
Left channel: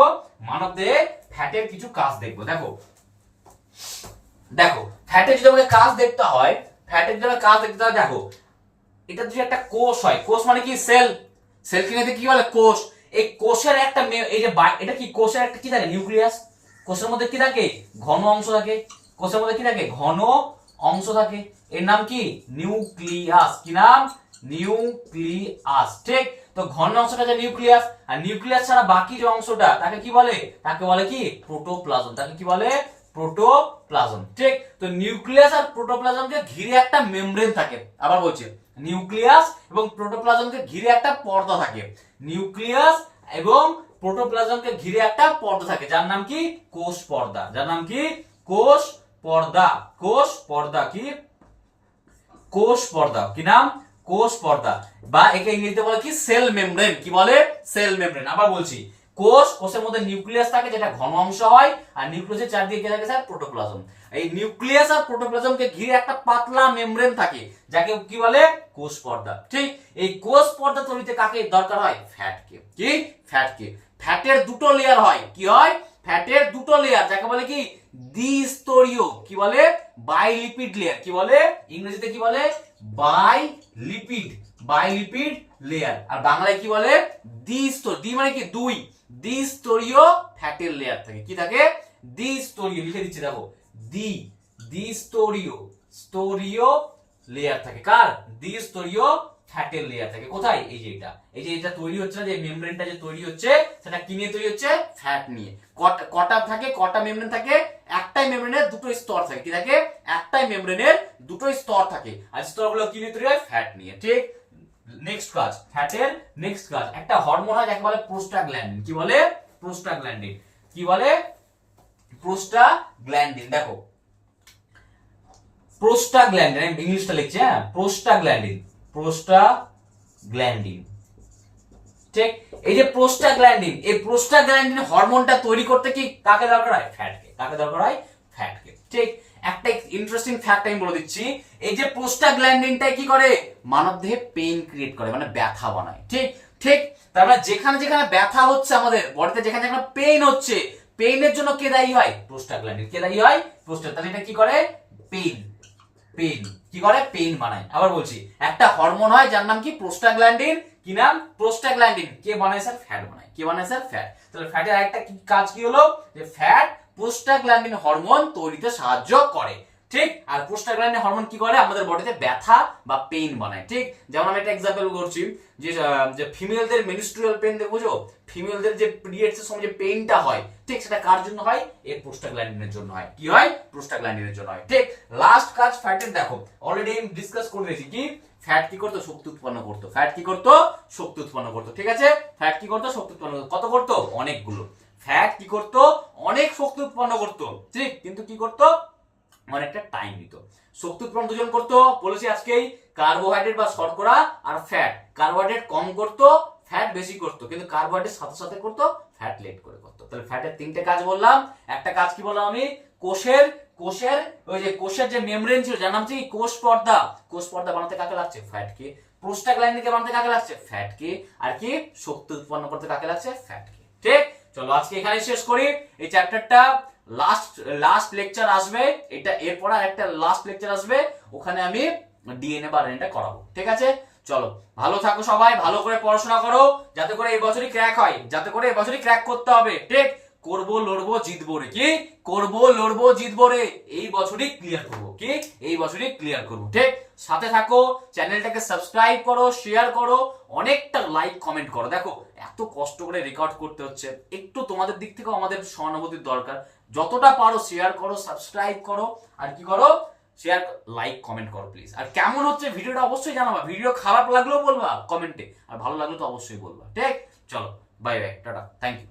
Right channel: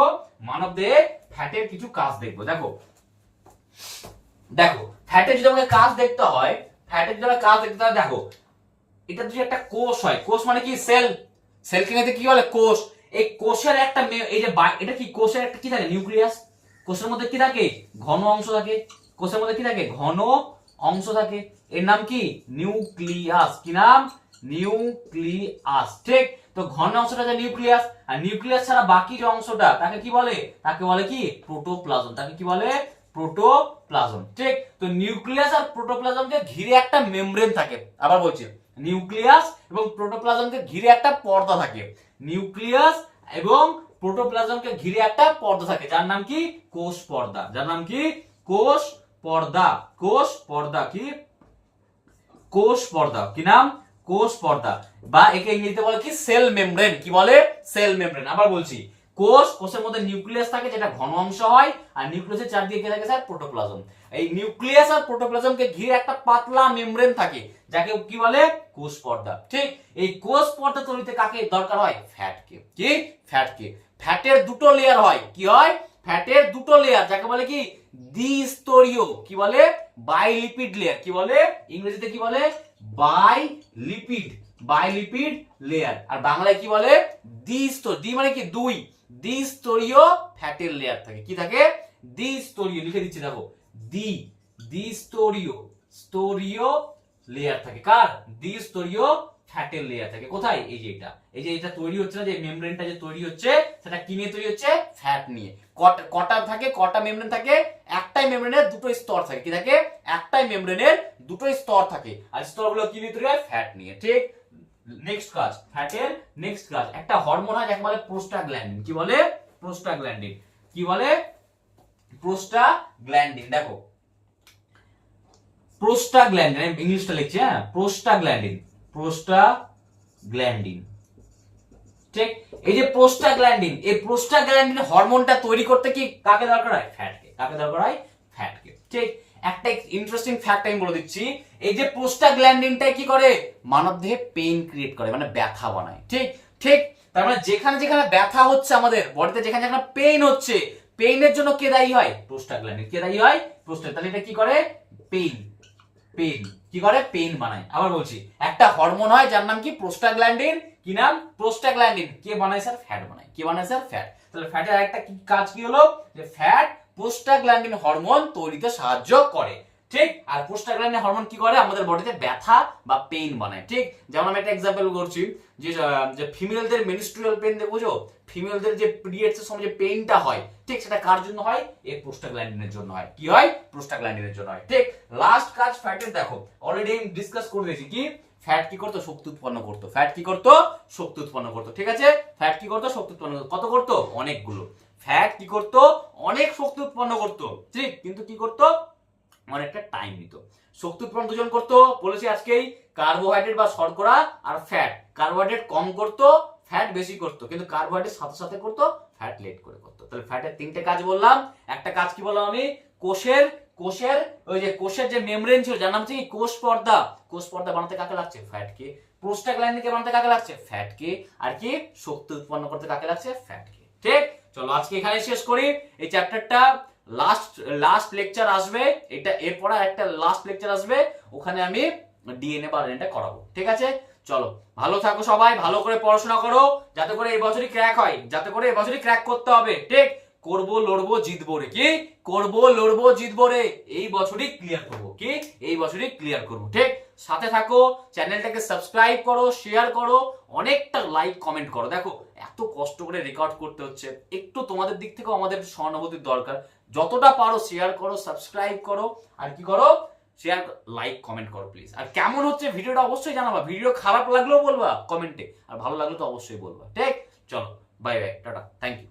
মানব দেহে ফ্যাটের কিছু কাজ দেখব। দেখো ফ্যাটের যদি আমাদের কাজ দেখতে হয়, দেখো, এটা যদি একটা কোষ হয়, কোষ মানে কি? সেলকে কি বলে? কোষ। এই কোষের একটা এই যে এটা কি? কোষের একটা কি থাকে? নিউক্লিয়াস। কোষের মধ্যে কি থাকে? ঘন অংশ থাকে। কোষের মধ্যে কি থাকে? ঘন অংশ থাকে। এর নাম কি? নিউক্লিয়াস। কি নাম? নিউক্লিয়াস। ঠিক? তো ঘন অংশটা যে নিউক্লিয়াস, আর নিউক্লিয়াস ছাড়া বাকি যে অংশটা তাকে কি বলে? তাকে বলে কি? প্রোটোপ্লাজম। তাকে কি বলে? প্রোটোপ্লাজম। ঠিক? তো নিউক্লিয়াস আর প্রোটোপ্লাজমকে ঘিরে একটা মেমব্রেন থাকে। আবার বলছি, নিউক্লিয়াস এবং প্রোটোপ্লাজমকে ঘিরে একটা পর্দা থাকে। নিউক্লিয়াস এবং প্রোটোপ্লাজমকে ঘিরে একটা পর্দা থাকে, যার নাম কি? কোষ পর্দা। যার নাম কি? কোষ পর্দা। কোষ পর্দা। কি? কোষ পর্দা। কি নাম? কোষ পর্দা। বা একে ইংরেজিতে বলে কি? Cell membrane. কি বলে? Cell membrane. আবার বলছি, কোষের মধ্যে নিউক্লিয়াস থাকে যেটা ঘন অংশ হয়, আর নিউক্লিয়াসের চারদিকে কি থাকে স্যার? প্রোটোপ্লাজম। এই নিউক্লিয়াস আর প্রোটোপ্লাজমকে ঘিরে একটা পাতলা মেমব্রেন থাকে, যাকে কি বলে? কোষ পর্দা। ঠিক? এই কোষ পর্দা তৈরিতে কাকে দরকার হয়? ফ্যাটকে। কি? ফ্যাটকে। ফ্যাটের দুটো লেয়ার হয়। কি হয়? ফ্যাটের দুটো লেয়ার, যাকে বলে কি? দ্বিস্তরীয়। কি বলে? বাইলিপিড লেয়ার। কি বলে? ইংরেজিতে কি বলে? বাইলিপিড লেয়ার। আর বাংলায় কি বলে? দ্বিস্তরীয়। দ্বি মানে কি? দুই। দ্বিস্তরীয় ফ্যাটের লেয়ার থাকে। কি থাকে? দ্বিস্তরীয়। লিখে দিচ্ছি, দেখো, দ্বিস্তরীয় লেয়ার থাকে। কার? দ্বিস্তরীয় ফ্যাটের লেয়ার থাকে। কোথায়? এই যে এটা তৈরি হচ্ছে না, যে মেমব্রেনটা যে তৈরি হচ্ছে সেটা কি নিয়ে তৈরি হচ্ছে? ফ্যাট নিয়ে। কটা থাকে? কটা মেমব্রেন থাকে? একটাই মেমব্রেনের দুটো স্তর থাকে। কি থাকে? একটাই মেমব্রেনের দুটো স্তর থাকে, আর স্তরগুলো কি নিয়ে তৈরি হয়? ফ্যাট নিয়ে। ঠিক। নেক্সট কাজ, ফ্যাটের নেক্সট কাজ, একটা হরমোন হয় যাকে বলে প্রোস্টাগ্ল্যান্ডিন। কি বলে? প্রোস্টাগ্ল্যান্ডিন। কি বলে? প্রোস্টাগ্ল্যান্ডিন। দেখো প্রোস্টাগ্ল্যান্ডিন, আমি ইংলিশটা লিখছি, হ্যাঁ, প্রোস্টাগ্ল্যান্ডিন। প্রোস্টাগ্ল্যান্ডিন। ঠিক। এই যে প্রোস্টাগ্ল্যান্ডিন, এই প্রোস্টাগ্ল্যান্ডিন হরমোনটা তৈরি করতে কি কাকে দরকার হয়? ফ্যাটকে। কাকে দরকার হয়? ফ্যাটকে। ঠিক। একটা ইন্টারেস্টিং ফ্যাক্ট আমি বলে দিচ্ছি, এই যে প্রোস্টাগ্ল্যান্ডিনটা কি করে? মানবদেহে পেইন ক্রিয়েট করে, মানে ব্যথা বানায়। ঠিক। ঠিক। তার মানে যেখানে যেখানে ব্যথা হচ্ছে আমাদের বডিতে, যেখানে যেখানে পেইন হচ্ছে, পেইনের জন্য কে দায়ী হয়? প্রোস্টাগ্ল্যান্ডিন। কে দায়ী হয়? তাহলে এটা কি করে? পেইন। পেইন কি করে? পেইন বানায়। আবার বলছি, একটা হরমোন হয় যার নাম কি? প্রোস্টাগ্ল্যান্ডিন। কি নাম? প্রোস্টাগ্ল্যান্ডিন। কে বানায় স্যার? ফ্যাট বানায়। কি বানায় স্যার? ফ্যাট। তাহলে ফ্যাটের আরেকটা কি কাজ কি হলো? যে ফ্যাট প্রোস্টাগ্ল্যান্ডিন হরমোন তৈরিতে সাহায্য করে। ঠিক। আর প্রোস্টাগ্ল্যান্ডিন হরমোন কি করে? আমাদের বডিতে ব্যথা বা পেইন বানায়। ঠিক। যেমন আমি একটা এক্সাম্পল করছি, যে ফিমেলদের মেনস্ট্রুয়াল পেইন দেখো, ফিমেলদের যে পিরিয়ডস এর সময় যে পেইনটা হয়, ঠিক, সেটা কার জন্য হয়? এই প্রোস্টাগ্ল্যান্ডিনের জন্য হয়। কি হয়? প্রোস্টাগ্ল্যান্ডিনের জন্য হয়। ঠিক। লাস্ট কাজ ফ্যাটের দেখো, অলরেডি আমি ডিসকাস করে দিয়েছি, কি ফ্যাট কি করতো? শক্তি উৎপন্ন করতো। ফ্যাট কি করতো? শক্তি উৎপন্ন করতো। ঠিক আছে। ফ্যাট কি করতো? শক্তি উৎপন্ন করতো। কত করতো? অনেকগুলো। ফ্যাট কি করতো? অনেক শক্তি উৎপন্ন করতো। ঠিক। কিন্তু কি করতো? অনেকটা টাইম নিত। শক্তি উৎপন্ন দুজন করতো বলেছি আজকেই, কার্বোহাইড্রেট বা শর্করা আর ফ্যাট। কার্বোহাইড্রেট কম করতো, ফ্যাট বেশি করতো, কিন্তু কার্বোহাইড্রেট সাথে সাথে করতো, ফ্যাট লেট করে করতো। তাহলে ফ্যাটের তিনটে কাজ বললাম। একটা কাজ কি বললাম আমি? কোষের ওই যে কোষের যে মেমব্রেন ছিল যার নাম কি? কোষ পর্দা। কোষ পর্দা বানাতে কাকে লাগছে? ফ্যাটকে। প্রোস্টাগ্ল্যান্ডিনকে বানাতে কাকে লাগছে? ফ্যাটকে। আর কি? শক্তি উৎপন্ন করতে কাকে লাগছে? ফ্যাটকে। ঠিক। চলো আজকে এখানে শেষ করি এই চ্যাপ্টারটা। লাস্ট লেকচার আসবে, এটা এরপর একটা লাস্ট লেকচার আসবে, ওখানে আমি ডিএনএ বা আরএনএটা করাবো। ঠিক আছে। চলো, ভালো থাকো সবাই, ভালো করে পড়াশোনা করো, যাতে করে এই বছরই ক্র্যাক হয়, যাতে করে এই বছরই ক্র্যাক করতে হবে। ঠিক। করবো, লড়বো, জিতবো রে। কি করবো? লড়বো, জিতবো রে। এই বছরই ক্লিয়ার করবো। কি এই বছরই ক্লিয়ার করবো। ঠিক। সাথে থাকো, চ্যানেলটাকে সাবস্ক্রাইব করো, শেয়ার করো, অনেকটা লাইক কমেন্ট করো। দেখো এত কষ্ট করে রেকর্ড করতে হচ্ছে, একটু তোমাদের দিক থেকেও আমাদের সহানুভূতির দরকার। যতটা পারো শেয়ার করো, সাবস্ক্রাইব করো, আর কি করো? শেয়ার, লাইক, কমেন্ট করো প্লিজ। আর কেমন হচ্ছে ভিডিওটা অবশ্যই জানাবা। ভিডিও খারাপ লাগলেও বলবা কমেন্টে, আর ভালো লাগলে তো অবশ্যই বলবা। ঠিক। চলো, bye bye, tata, thank you.